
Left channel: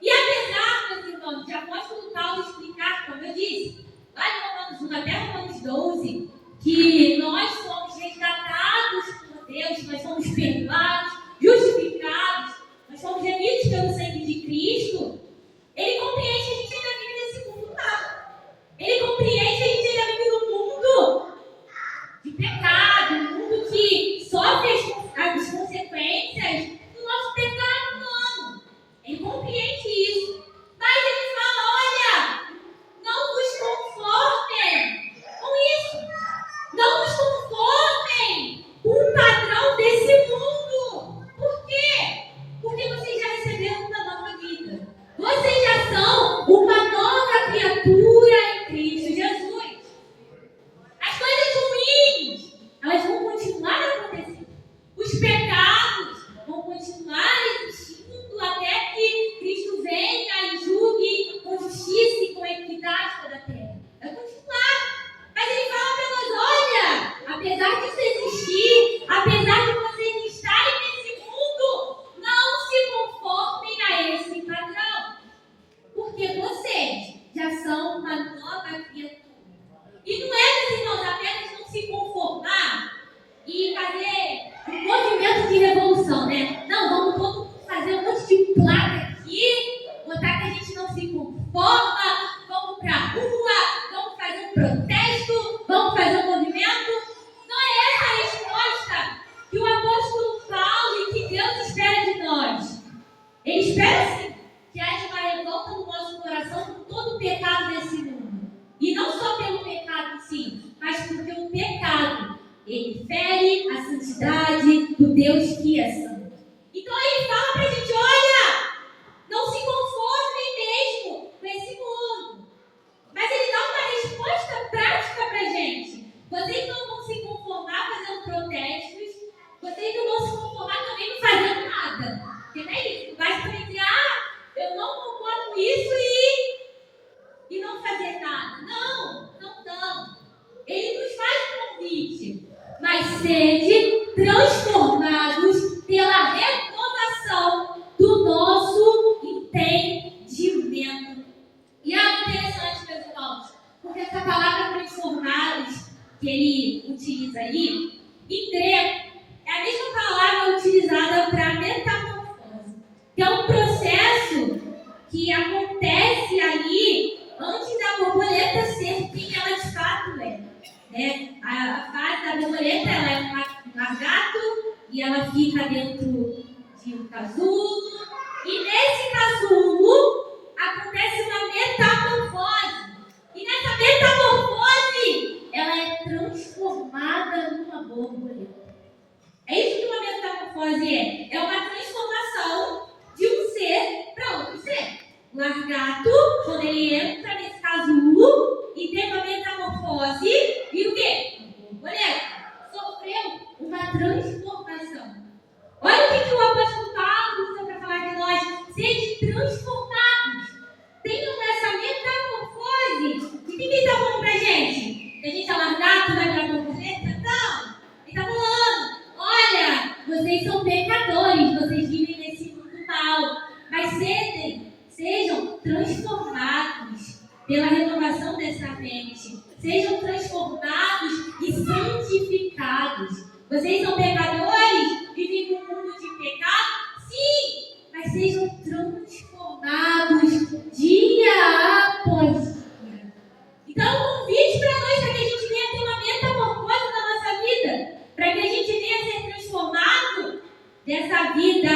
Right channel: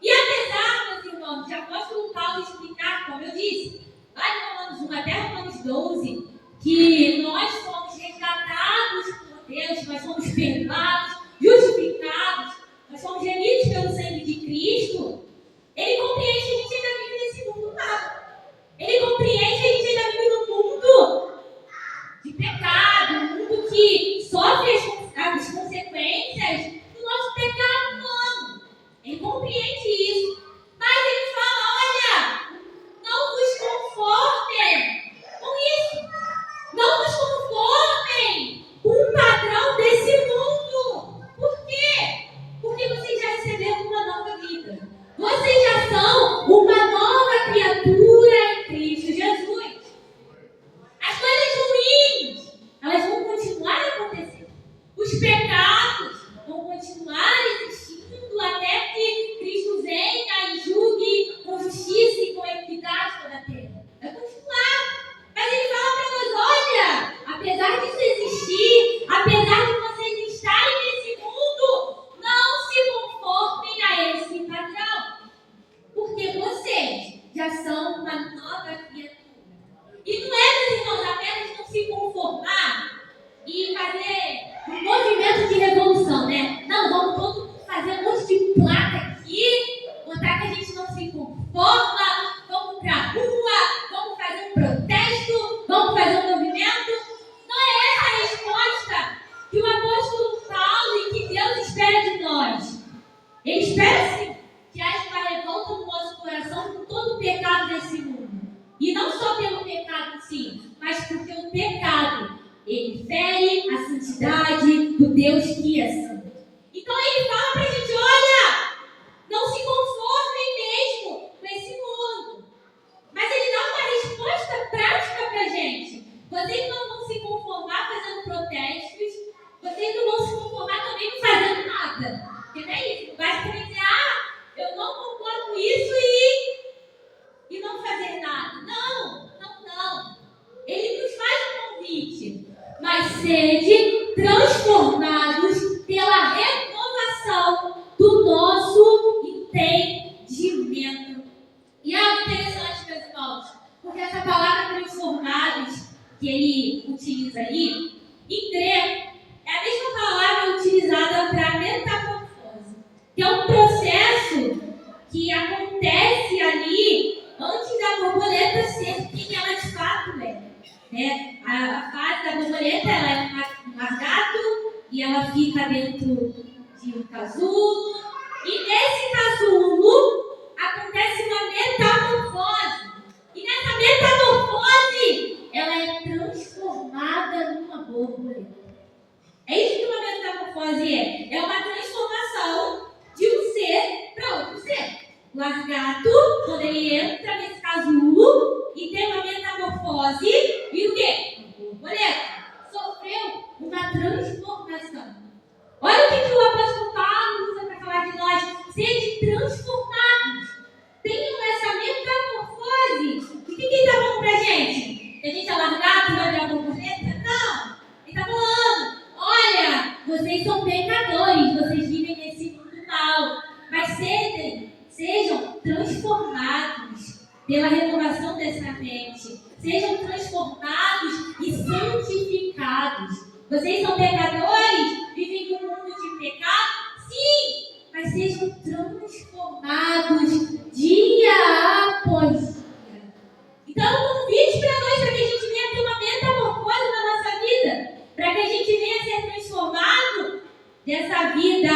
E apesar, meus irmãos, de apóstolo Paulo explicar, como eu disse, lá de Romanos 1 até Romanos 12, que nós somos resgatados por Deus, nós somos perdoados, justificados, nós somos remidos pelo sangue de Cristo, ele compreende que a gente ainda vive nesse mundo mal. Ele compreende que a gente ainda vive num mundo de pecado, um mundo que sofre as consequências do nosso pecado humano. Ele compreende isso. Mas ele fala, olha, não vos conformem com isso. Não vos conformem com o padrão desse mundo. Por quê? Porque vocês já receberam uma nova vida. Vocês já são uma nova criatura em Cristo Jesus. As coisas ruins, elas vão continuar a acontecer. Os pecados vão continuar existindo até que Cristo venha e julgue com justiça e com equidade toda a terra. Vai continuar. Mas ele fala para nós, olha, apesar disso existir, apesar de vocês estarem nesse mundo, não se conformem a esse padrão. Porque vocês já são uma nova criatura. E não é, meus irmãos, apenas não se conformar e fazer um movimento de revolução, né? Não, vamos todo mundo fazer um monte de placa aqui, botar que a gente não se conforma, vamos pra rua, vamos fazer um protesto, vamos fazer um movimento. Não é essa a resposta que o apóstolo Paulo e que Deus espera de nós. Ele espera sim que haja uma revolta no nosso coração por todo o pecado desse mundo. E não só pelo pecado em si, mas porque o pecado, ele fere a santidade do Deus que é santo. Então ele fala pra gente, olha, não se conformem mesmo com esse mundo. que ele utiliza ali, em grego, é a mesma palavra utilizada para metamorfose, que é um processo que acontece ali antes da borboleta ser quem ela de fato é. Né? A fase da borboleta, ela é um lagarto e ela fica dentro de um casulo. E nesse casulo acontece uma metamorfose. E nessa metamorfose, ela é transformada numa borboleta. É isso que uma metamorfose é. É uma transformação de um ser para outro ser. O lagarto, quando ele entra nesse casulo e tem uma metamorfose, e o quê? Uma borboleta. Sofreu uma transformação. Olha o que o apóstolo Paulo usa para falar de nós. Sede transformados. Tenham essa metamorfose. E o que ele está falando para a gente? Que a gente é lagarto e vai virar borboleta? Não. Ele está falando, olha, vocês são pecadores, vocês vivem nesse mundo mal. Mas sejam transformados pela renovação dessa mente. Sejam transformados e santificados. Vocês são pecadores? Vivem num mundo de pecado? Sim! Mas sejam transformados dia após dia. Então, um convite para nós, para que a gente venha ter uma metamorfose na nossa vida, para que a gente venha ser transformado dessa vida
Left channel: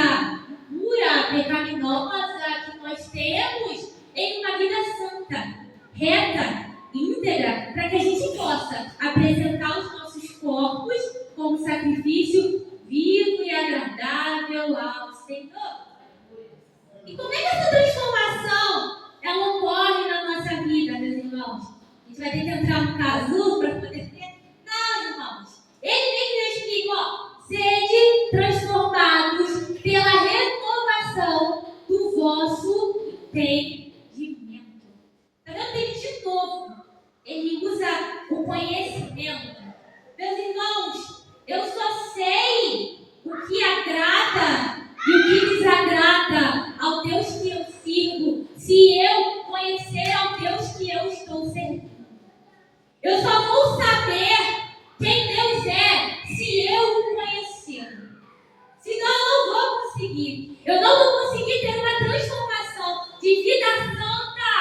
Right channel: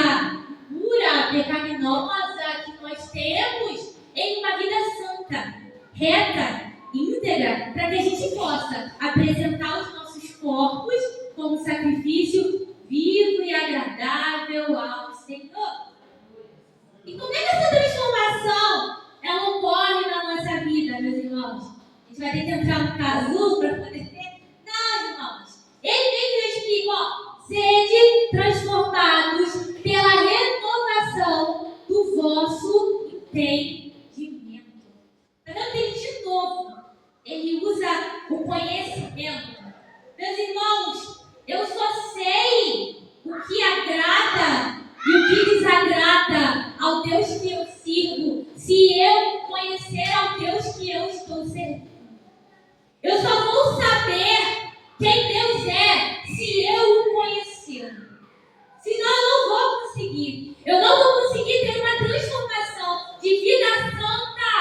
pura, pecaminosa que nós temos, em uma vida santa, reta, íntegra, para que a gente possa apresentar os nossos corpos como sacrifício vivo e agradável ao Senhor. E como é que essa transformação ela ocorre na nossa vida, meus irmãos? A gente vai ter que entrar no casulo para poder ter? Não, irmãos. Ele mesmo explica, ó, sede transformados pela renovação do vosso entendimento. Está vendo que ele, de novo, ele usa o conhecimento. Meus irmãos, eu só sei o que agrada e o que desagrada ao Deus que eu sirvo, se eu conhecer ao Deus que eu estou servindo. Eu só vou saber quem Deus é se eu o conhecer. Senão eu não vou conseguir. Eu não vou conseguir ter uma transformação de vida santa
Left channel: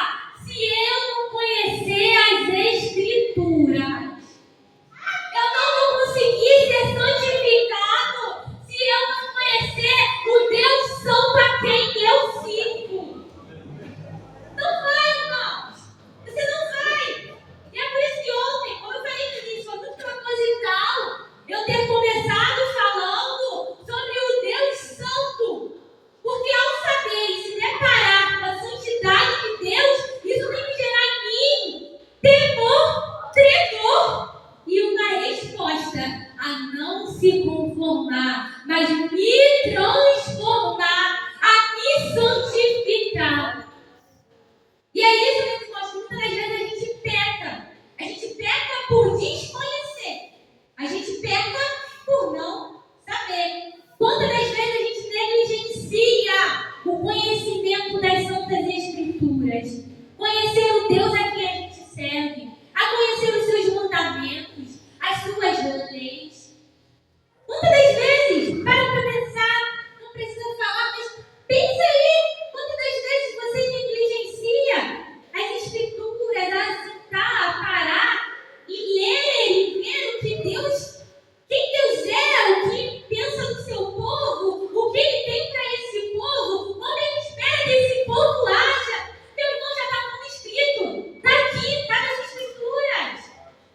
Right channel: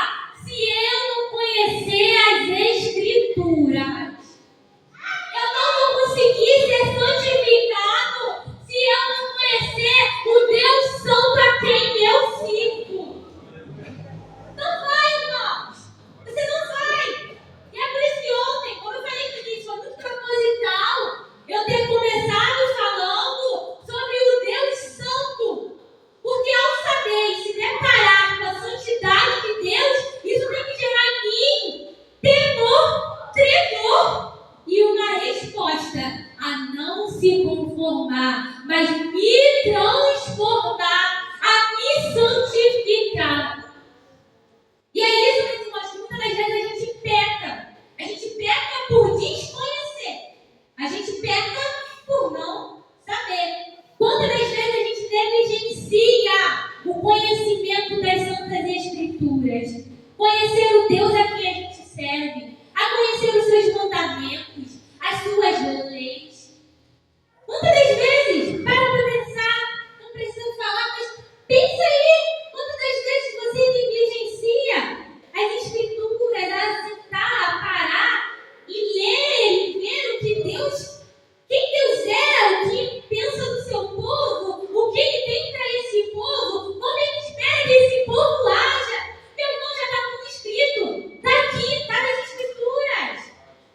se eu não conhecer as Escrituras. Eu não vou conseguir ser santificado se eu não conhecer o Deus Santo a quem eu sirvo. Não vai, irmãos. Você não vai. E é por isso que ontem, como eu falei no início, foi muito proposital eu ter começado falando sobre o Deus Santo. Porque ao saber e se deparar com a santidade de Deus, isso tem que gerar em mim temor, tremor e uma resposta a não se conformar, mas me transformar, a me santificar. E é isso, meus irmãos, que muitas das vezes a gente peca. A gente peca por desconhecer. A gente peca por não saber. Quantas das vezes a gente negligencia o conhecimento das Santas Escrituras? Conhecer o Deus a quem a gente serve, a conhecer os seus mandamentos, as suas leis. Quantas das vezes, para pensar, não precisa falar, mas pensa aí, quantas das vezes você negligencia as Escrituras, a sentar, a parar e ler e ver o que Deus, quem Deus é, o que pensa do seu povo, o que Ele tem para esse povo, como Ele espera que esse povo haja. Meu irmão, já está tudo escrito, está aqui, está nas Escrituras.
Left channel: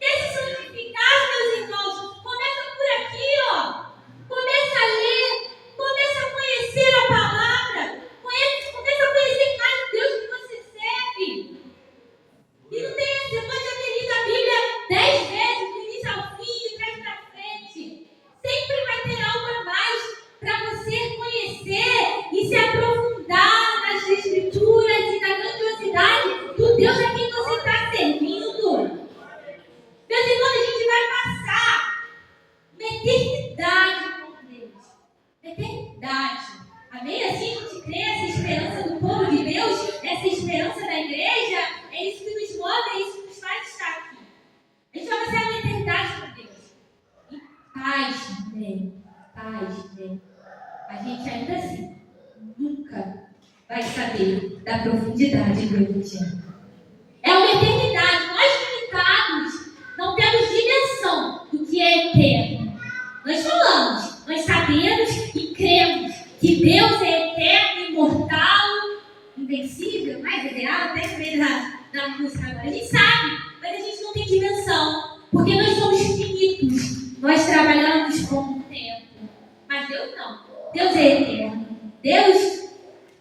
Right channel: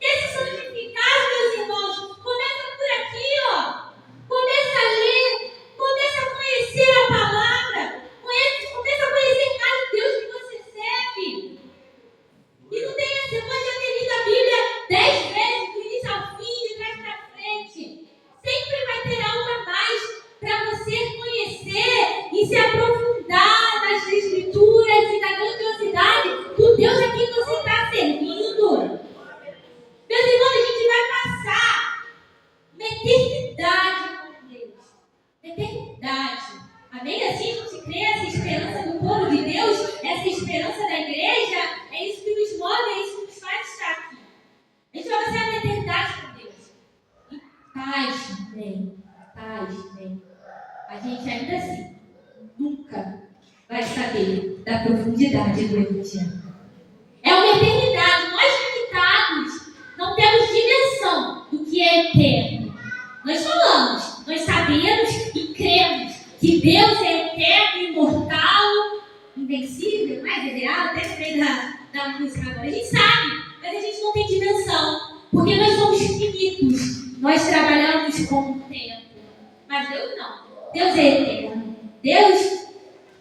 Quer se santificar, meus irmãos? Começa por aqui, ó. Começa a ler, começa a conhecer a palavra, começa a conhecer mais o Deus que você serve. E não tem, você pode já ter lido a Bíblia 10 vezes, do início ao fim, de trás para frente. Sempre vai ter algo a mais para você conhecer e se aprofundar nas Escrituras e na grandiosidade do Deus a quem você está servindo. Meus irmãos, a gente vai passar uma eternidade com Deus. Eternidade. Amém? Assim a gente crê, essa esperança do povo de Deus, essa esperança da igreja, é isso que nos move, é isso que nos faz estar aqui. A gente vai passar uma eternidade Pasmem. A gente ainda assim nunca vai saber da profundidade do Evangelho. É uma eternidade. Nós limitados não temos dimensão do que é eterno. Nós falamos, nós sabemos e cremos que Deus é eterno, imortal, invencível, mais real, até lembrei da música agora. A gente sabe, mas a gente não tem dimensão, porque nós somos finitos. Nós trabalhamos com o tempo, mas Deus não. Deus é eterno. Deus,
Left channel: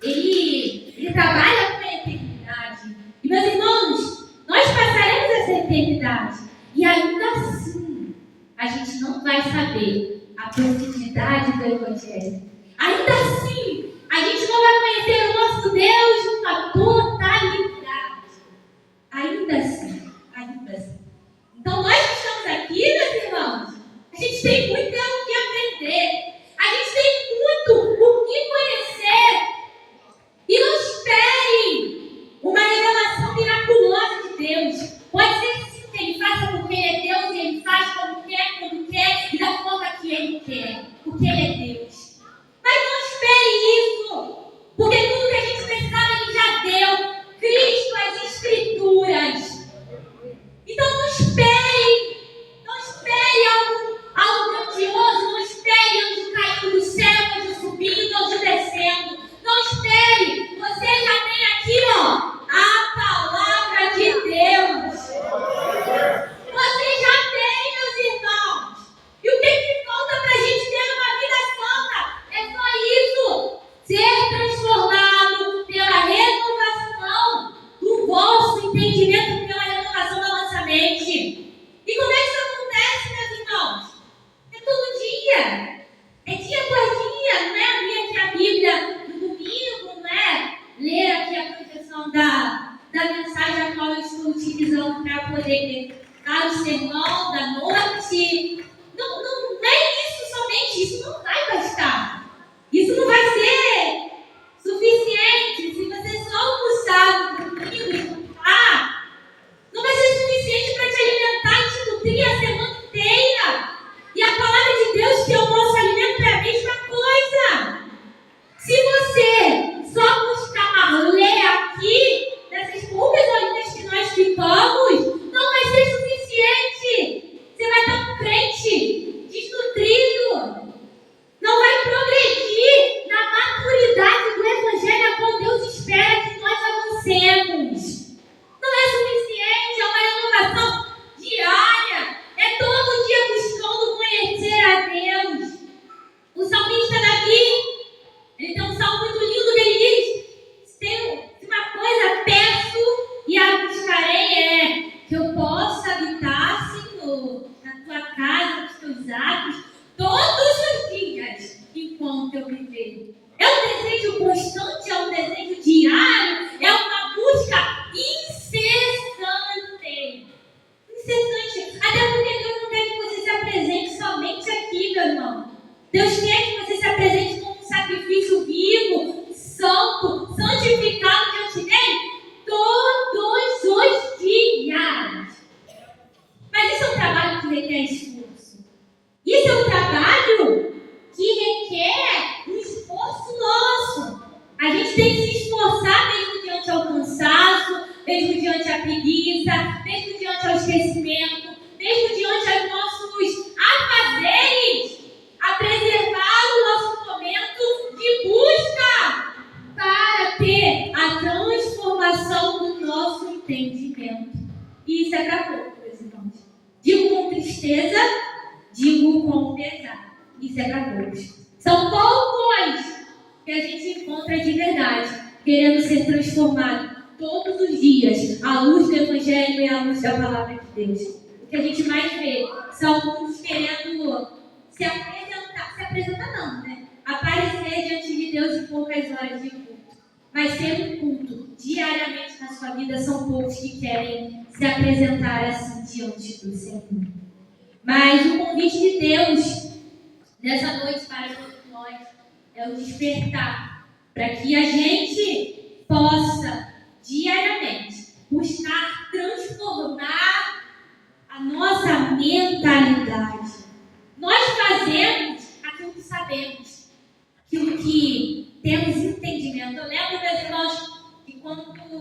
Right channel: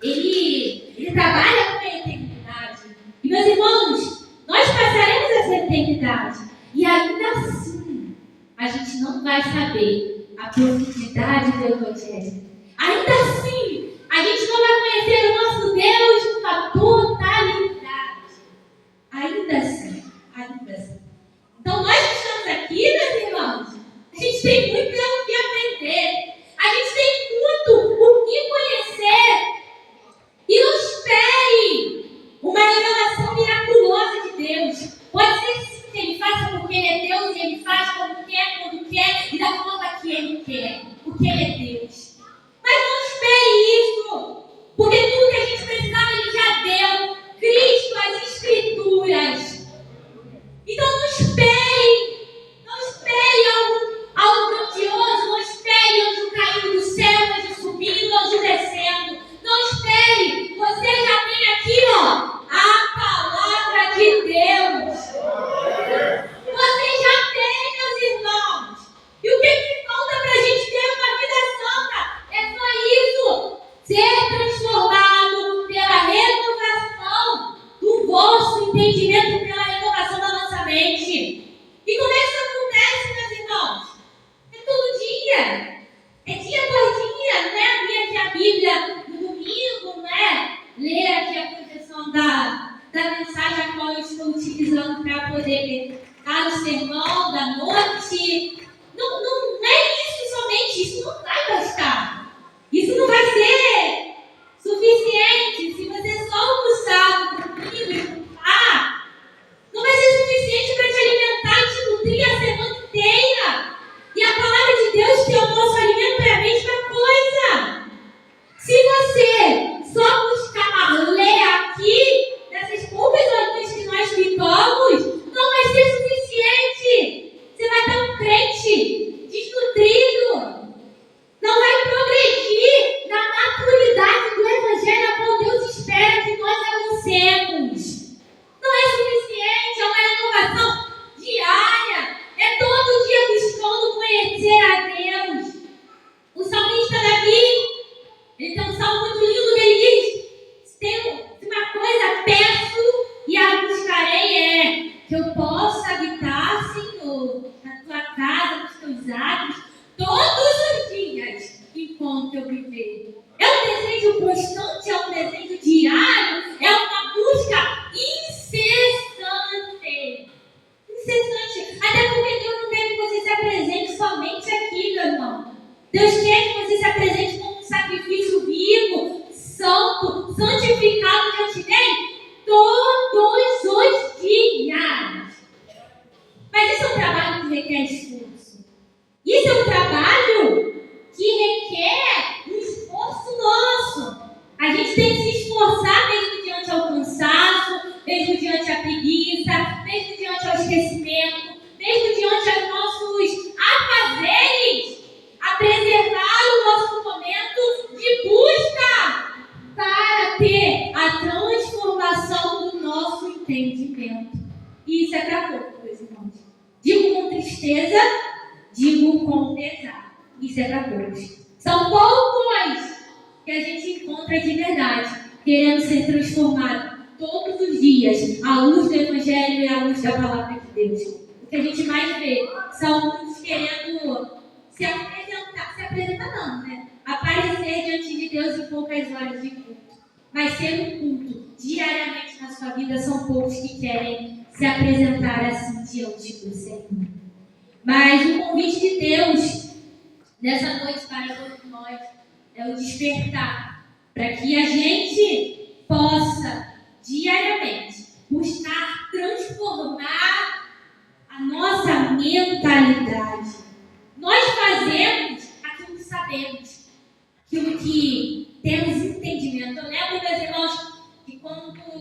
Ele trabalha com a eternidade. E, meus irmãos, nós passaremos essa eternidade. E ainda assim, a gente não vai saber a profundidade do Evangelho. Ainda assim, a gente não vai conhecer o nosso Deus numa totalidade. Ainda assim. Então, nós que estamos aqui, meus irmãos, a gente tem muito o que aprender. A gente tem muito o que conhecer. E não espere uma revelação miraculosa de Deus. Pode ser sim que Ele faça porque Ele é Deus e Ele faz como quer, quando quer e da forma que Ele quer. Porque Ele é Deus. Mas não espere isso. Porque tudo que a gente precisava Ele já deu. Cristo, as Escrituras. Então não espere. Não espere algo grandioso. Não espere anjo caindo do céu, anjo subindo, anjo descendo. Não espere. Você já tem aqui, a palavra de Deus. Você já tem, meus irmãos. E o que falta para a gente ter uma vida santa? É só isso. Ser transformado pela renovação do vosso entendimento, pela renovação da nossa mente. E como é que isso acontece, meus irmãos? É todo dia. É dia após dia, não é abrir aqui a Bíblia no domingo, não é ler aqui a projeção da mensagem a qual eu estou utilizando para poder dar o sermão da noite. Não é isso somente, isso não vai bastar. Isso não vai ser suficiente. Se você só almoçar no domingo e jantar, não vai ser suficiente para te alimentar e te nutrir a semana inteira. E a palavra de Deus, que é o nosso alimento, é a mesma coisa. Se você só buscar ler aqui, nessas poucas horinhas que nós ficamos, não vai ser suficiente. Você vai estar um crente desnutrido. Não vai progredir na maturidade do Evangelho a qual Deus espera que nós avancemos. Não é suficiente, é uma renovação diária. É todo dia buscando conhecer a Deus. O salmista Davi, ele tem um salmo muito lindo que ele diz: se uma coisa peço e a buscarei, que eu possa habitar, Senhor, na tua casa, nos teus atos, todos os dias, enquanto eu viver. É um desejo constante, é um desejo diário, é uma busca incessante. Até porque Deus não quer que você se apresente somente aqui, meu irmão. Deus quer que você se apresente como um sacrifício vivo, santo, santificado diante dele todos os dias. Mas isso é um trabalho que requer esforço. Isso é um trabalho que requer um esforço nosso. A gente tem que se esforçar mesmo diante ao cansaço, mesmo diante à preguiça, mesmo diante ao esquecimento, mesmo diante aos nossos afazeres, a preservar o nosso momento de busca para ter a transformação do nosso entendimento. E isso é para pouco, meus irmãos. Digo com tristeza, digo com pesar. Isso é para poucos. São poucos que a gente encontra de verdade, querendo ser transformado todos os dias à luz do Evangelho e à luz da palavra de Deus. O que a gente mais vê são muitos querendo se apresentar não, né? Aparecer diante de Deus em poucas horas de culto. Mas ser um culto diariamente na sua vida, são poucos que querem se apresentar assim diante do Senhor. Mas o convite de Deus nessa noite para todos nós é o despertar, para que a gente possa diariamente buscar transformar a nossa mentalidade. Nós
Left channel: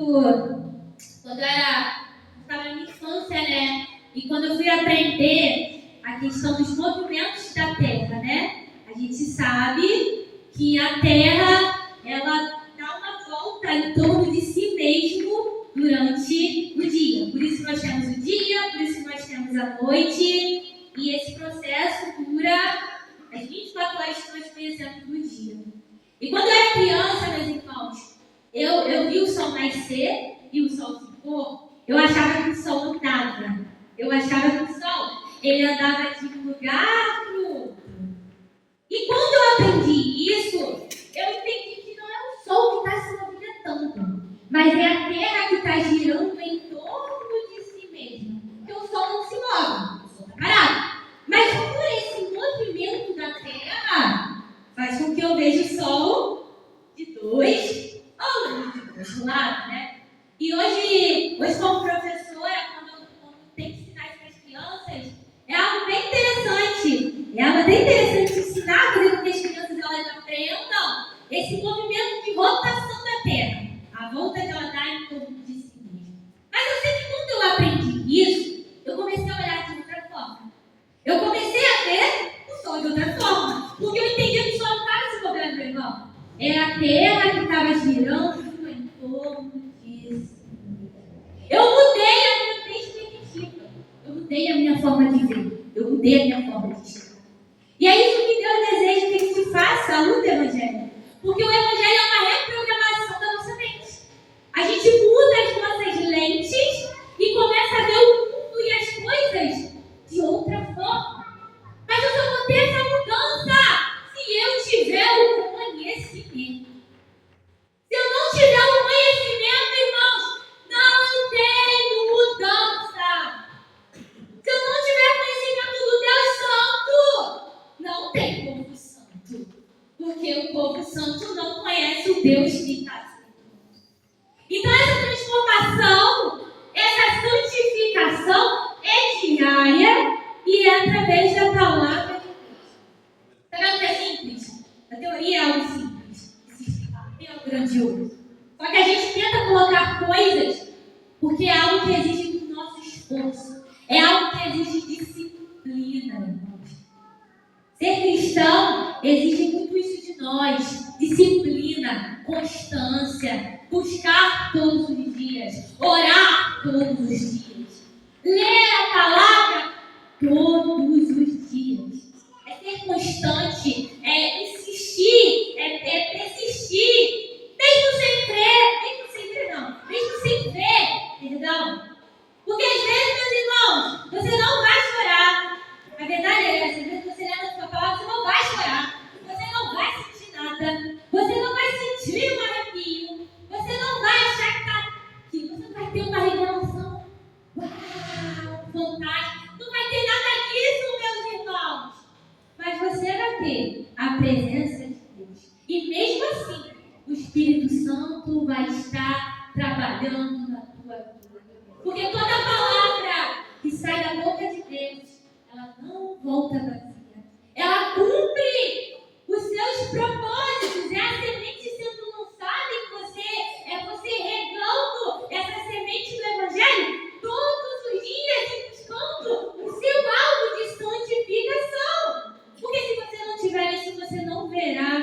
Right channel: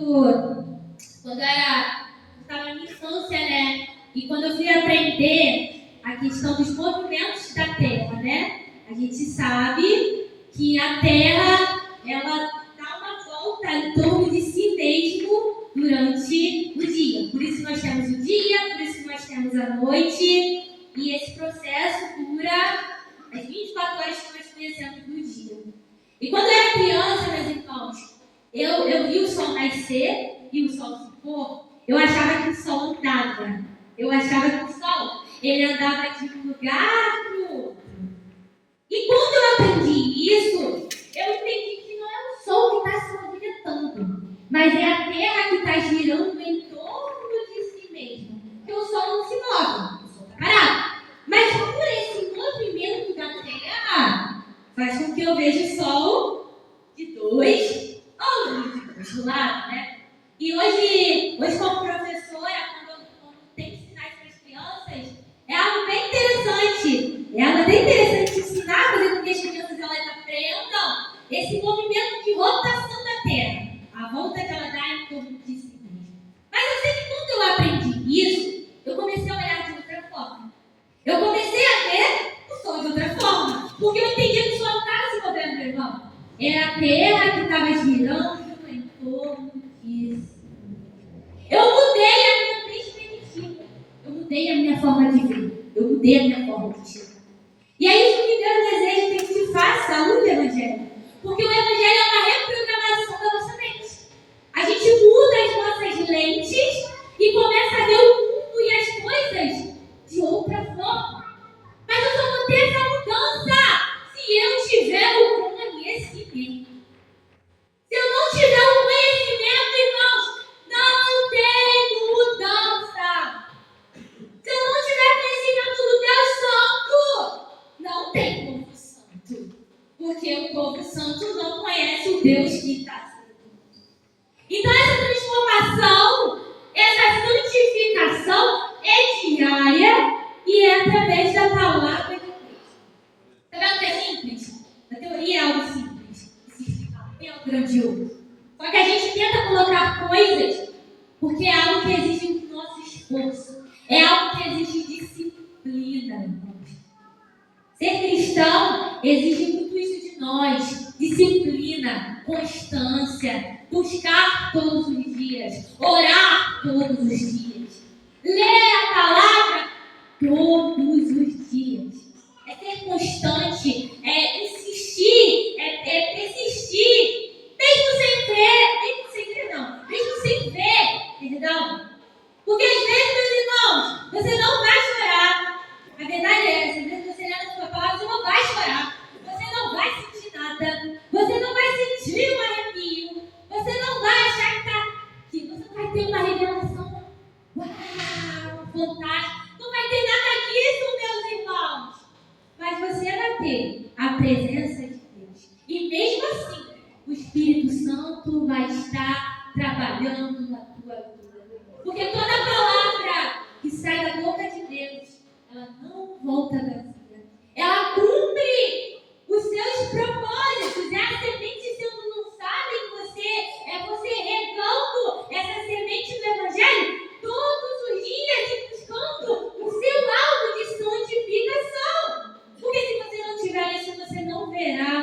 quando eu estava na minha infância, né? E quando eu fui aprender a questão dos movimentos da Terra, né? A gente sabe que a Terra, ela dá uma volta em torno de si mesmo durante o dia. Por isso nós temos o dia, por isso nós temos a noite. E esse processo dura as 24 horas que nós conhecemos do dia. E quando eu era criança, meus irmãos, eu vi o sol nascer e o sol se pôr. Eu achava que o sol andava. Eu achava que o sol, ele andava de um lugar para o outro. E quando eu aprendi isso, eu entendi que não é o sol que está se movimentando, mas é a Terra que está girando em torno de si mesma. Porque o sol não se move, o sol está parado. Mas por esse movimento da Terra, faz com que eu veja o sol de dois ângulos, de dois lados, né? E hoje como professora, quando tenho que ensinar isso para as crianças, é algo bem interessante. É algo bem interessante ensinar, fazer com que as crianças elas aprendam esse movimento de rotação da Terra, a volta que ela dá em torno de si mesma. Mas eu sei que quando eu aprendi isso, eu comecei a olhar de outra forma. Eu comecei a ver o sol de outra forma, porque eu entendi que o sol não estava se movendo, meu irmão. Era a Terra que estava girando em torno de si. Eu mudei a minha perspectiva, eu mudei a minha forma de ver, eu mudei a minha forma de enxergar. E é isso que Deus deseja que a gente faça à luz do Evangelho. Porque o Evangelho é uma reprogramação da nossa mente. A gente muda as nossas lentes e começa a ver o mundo e as coisas de outra forma. Mas eu só vou ter essa mudança se eu tiver o conhecimento. Se eu não tiver o conhecimento, irmãos, não tem mudança. Se eu não tiver conhecimento do Deus Santo, não tem povo santo. Porque o povo santo não conhece o Deus que está santo. Então essa transformação, essa santificação é diária e é através da palavra de Deus. Está vendo que é simples? A teoria é algo simples. É algo grandioso. Só que a gente tenta colocar coisas porque é algo que exige do nosso esforço. É algo que exige disciplina, irmãos. Ser cristão exige muito isso de nós. Disciplina, constância, buscar todos os dias, orar todos os dias, ler a palavra todos os dias. É ser constante, é insistir, é persistir, mesmo sem ver, perdão. Porque às vezes, meus irmãos, você não vai chorar. A verdade é essa, às vezes você lê na sua palavra, você não vai chorar. Você não vai sentir nada. Você não vai sentir um arrepio. Você não vai achar que está aqui. Você não vai ter uma revelação. Uau, fantástico. Não vai ter nada disso, meus irmãos. Mas você vai ter a presença de Deus. E mesmo assim, o Espírito Santo vai estar trabalhando na tua vida. Porque toda palavra que sai da boca de Deus, ela não volta vazia. Ela cumpre os seus propósitos. É a semente sendo lançada em você. É você regando essa semente do Evangelho todos os dias e buscando o seu alvo de santificação. Porque se você não tiver isso, você não verá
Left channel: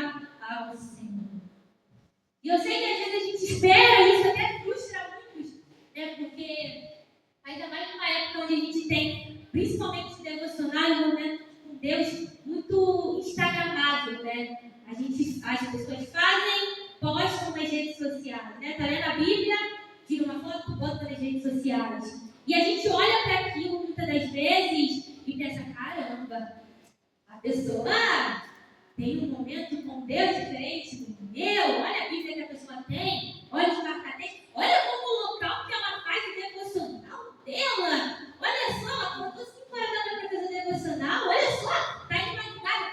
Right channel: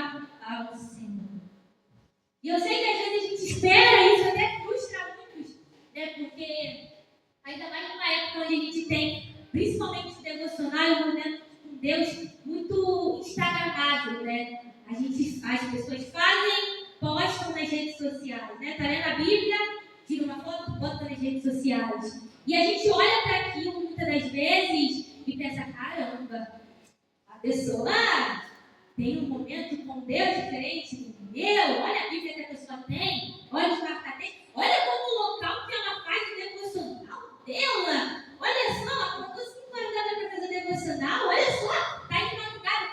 ao Senhor. E eu sei que às vezes a gente espera isso, até frustra muitos, né? Porque ainda mais numa época onde a gente tem, principalmente o devocional, um momento com Deus muito instagramável, né? As pessoas fazem, postam nas redes sociais, né? Tá lendo a Bíblia, tira uma foto, bota nas redes sociais. E a gente olha para aquilo muitas das vezes e pensa, caramba, a pessoa tem um momento com Deus diferente do meu, olha a Bíblia que a pessoa tem, olha os marcadores, olha como o local que ela faz o devocional dela, olha só, ela acordou 5 horas da manhã para fazer o devocional, olha só, está de madrugada.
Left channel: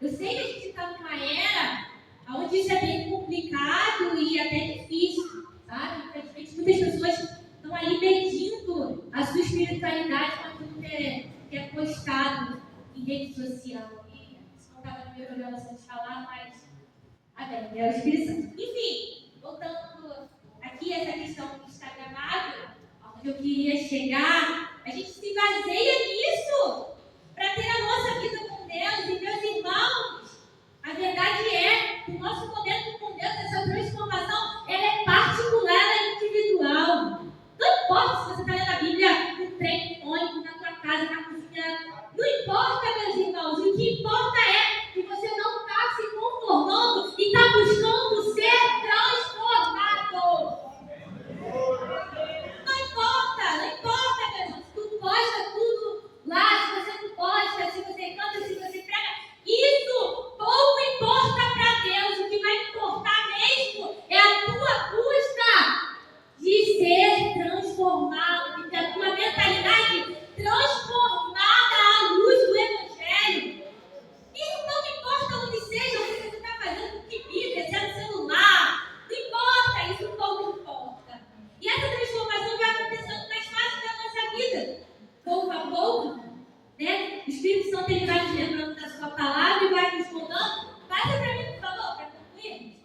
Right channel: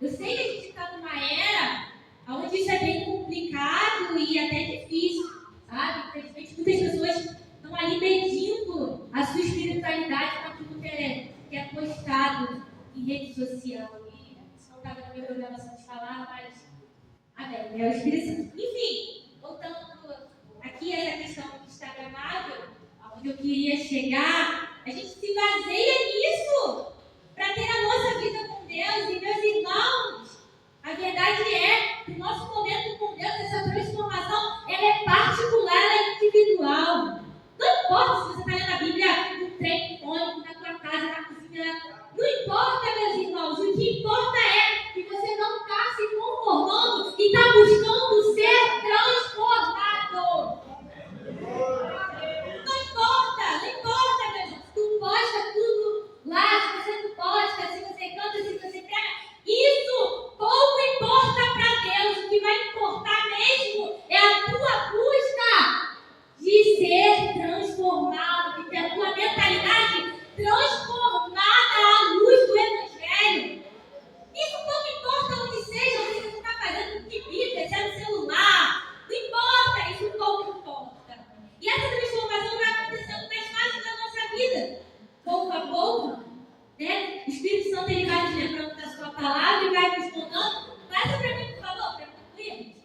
Eu sei que a gente está numa era onde isso é bem complicado e até difícil, sabe? Infelizmente, muitas pessoas estão ali medindo a sua espiritualidade com aquilo que é postado em rede social. Isso não estava na minha programação de falar, mas amém, é o Espírito Santo. Enfim, voltando aqui a essa questão questão instagramável, aonde eu queria chegar, a gente se baseia nisso para ter a nossa vida com Deus. E, meus irmãos, a verdade é que o nosso momento com Deus, essa transformação, ela é particular, ela é individual. Não importa se você está lendo a Bíblia no trem, no ônibus, na tua casa, na cozinha. Não importa, meus irmãos. O que importa é que você não está se conformando e está buscando ser transformado. Não importa, meu irmão. Se tu posta tudo lá, se você não posta, se você canta, se você prega, isso pouco importa para Deus. O que vai importar mesmo é a tua busca de ser transformado, de ter a tua mentalidade transformada à luz do Evangelho. Isso não importa onde seja, o que você está fazendo, que Bíblia, se é no celular, não importa, isso pouco importa. E essa transformação vai acontecendo mais fácil na nossa vida, pouco a pouco, né? O Espírito Santo ele vai nos lembrando da sua palavra e vai nos contando. Passa para mim, por favor, para concluir.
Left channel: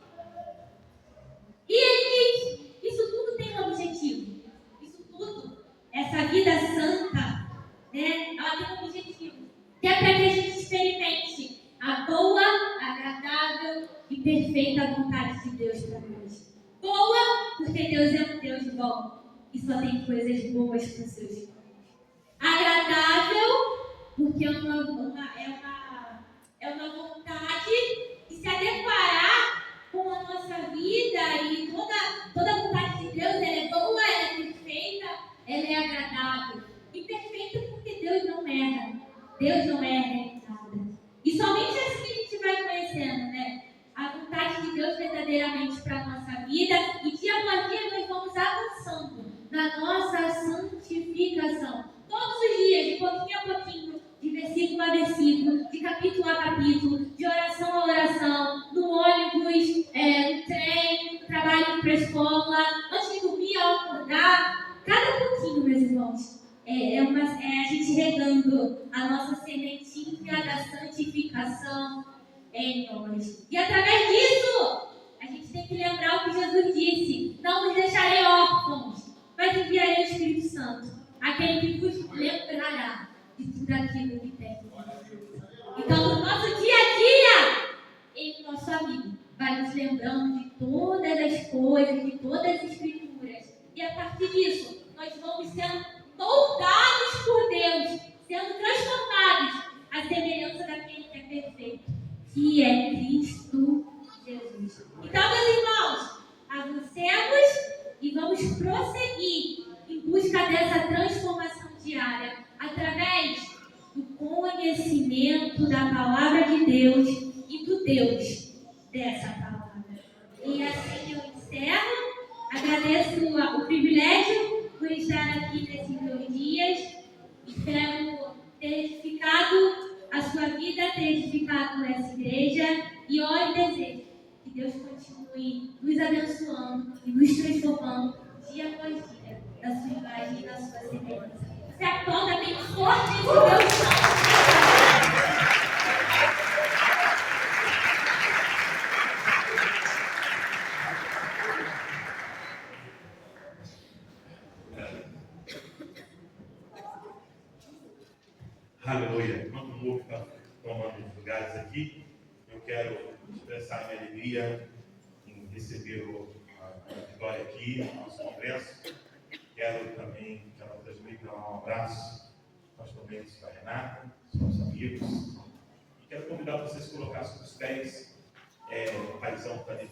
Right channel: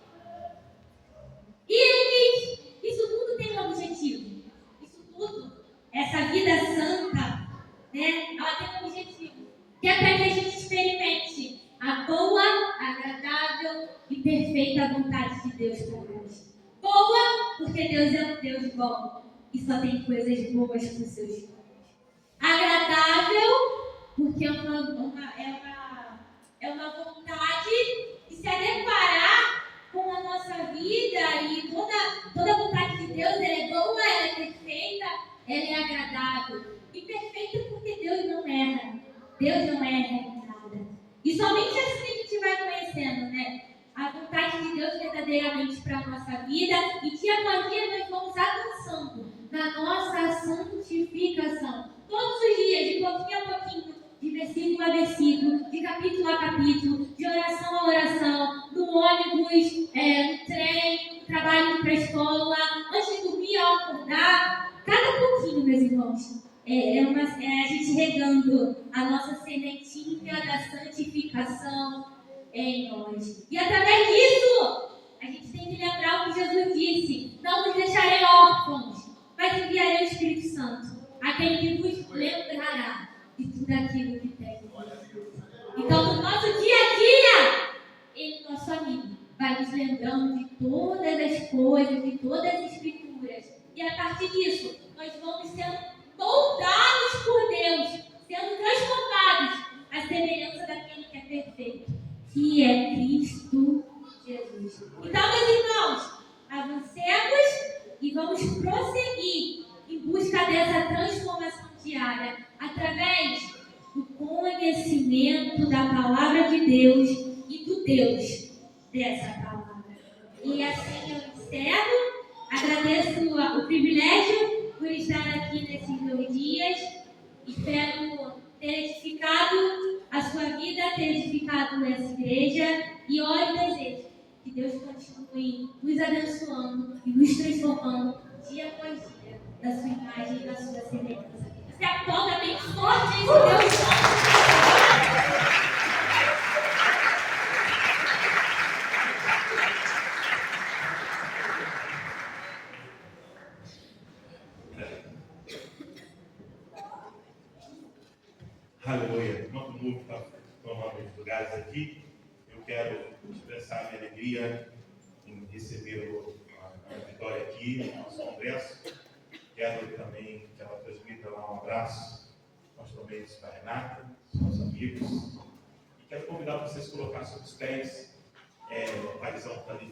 E ele diz, isso tudo tem um objetivo. Isso tudo, essa vida santa, né? Ela tem um objetivo, que é para que a gente experimente a boa, agradável e perfeita vontade de Deus para nós. Boa, porque Deus é um Deus bom e só tem coisas boas para os seus filhos. Agradável, porque é uma vontade de se adequar com a nossa vida, e toda a vontade de Deus, ela é boa, ela é perfeita, ela é agradável. E perfeita porque Deus não erra. Deus não erra em nada. E somente assim a gente vai conhecendo, né? A vontade de Deus verdadeiramente para a nossa vida. E dia após dia nós vamos avançando na nossa santificação. Todos os dias, de pouquinho a pouquinho, de versículo a versículo, de capítulo a capítulo, de oração a oração, no ônibus, no trem, no trabalho para a escola, antes de dormir, ao acordar. Cada pouquinho, meus irmãos. É a gente regando a nossa sementinha da santificação em nós. E através disso, a gente tem que lembrar o que Jesus disse: não vos deixarei órfãos, mas enviarei o Espírito Santo, aquele que vos lembrará de tudo aquilo que tem. Então, no nosso dia a dia, ele, nosso amigo, vai nos lembrando de todas as coisas, de todas as escrituras. E a partir disso, nós vamos sendo moldados por Deus, sendo transformados à semelhança daquele que é perfeito, que é Cristo Jesus. Então, meus irmãos, avancemos e vamos prosseguir em busca dessa transformação diária através do conhecimento da palavra de Deus e do Deus dessa palavra. E assim eu encerro. Agradeço o privilégio por estar aqui nesses 2 dias. Espero ter edificado a sua vida, ter edificado essa igreja. E oro e desejo que Deus continue nos abençoando e nos transformando dia após dia da sua imagem e da sua semelhança. Você aplauda bem forte esse Deus Santo. Aleluia. Enquanto o Luke está tomando os lugares aqui, eu quero expressar a minha alegria em receber a Vitória aqui no nosso congresso. Quero também que ela transmita lá um abraço, pastor Mendes para a Renata, nossos amigos. E quero convidar vocês a colocar sobre os pés o paizão que está ali.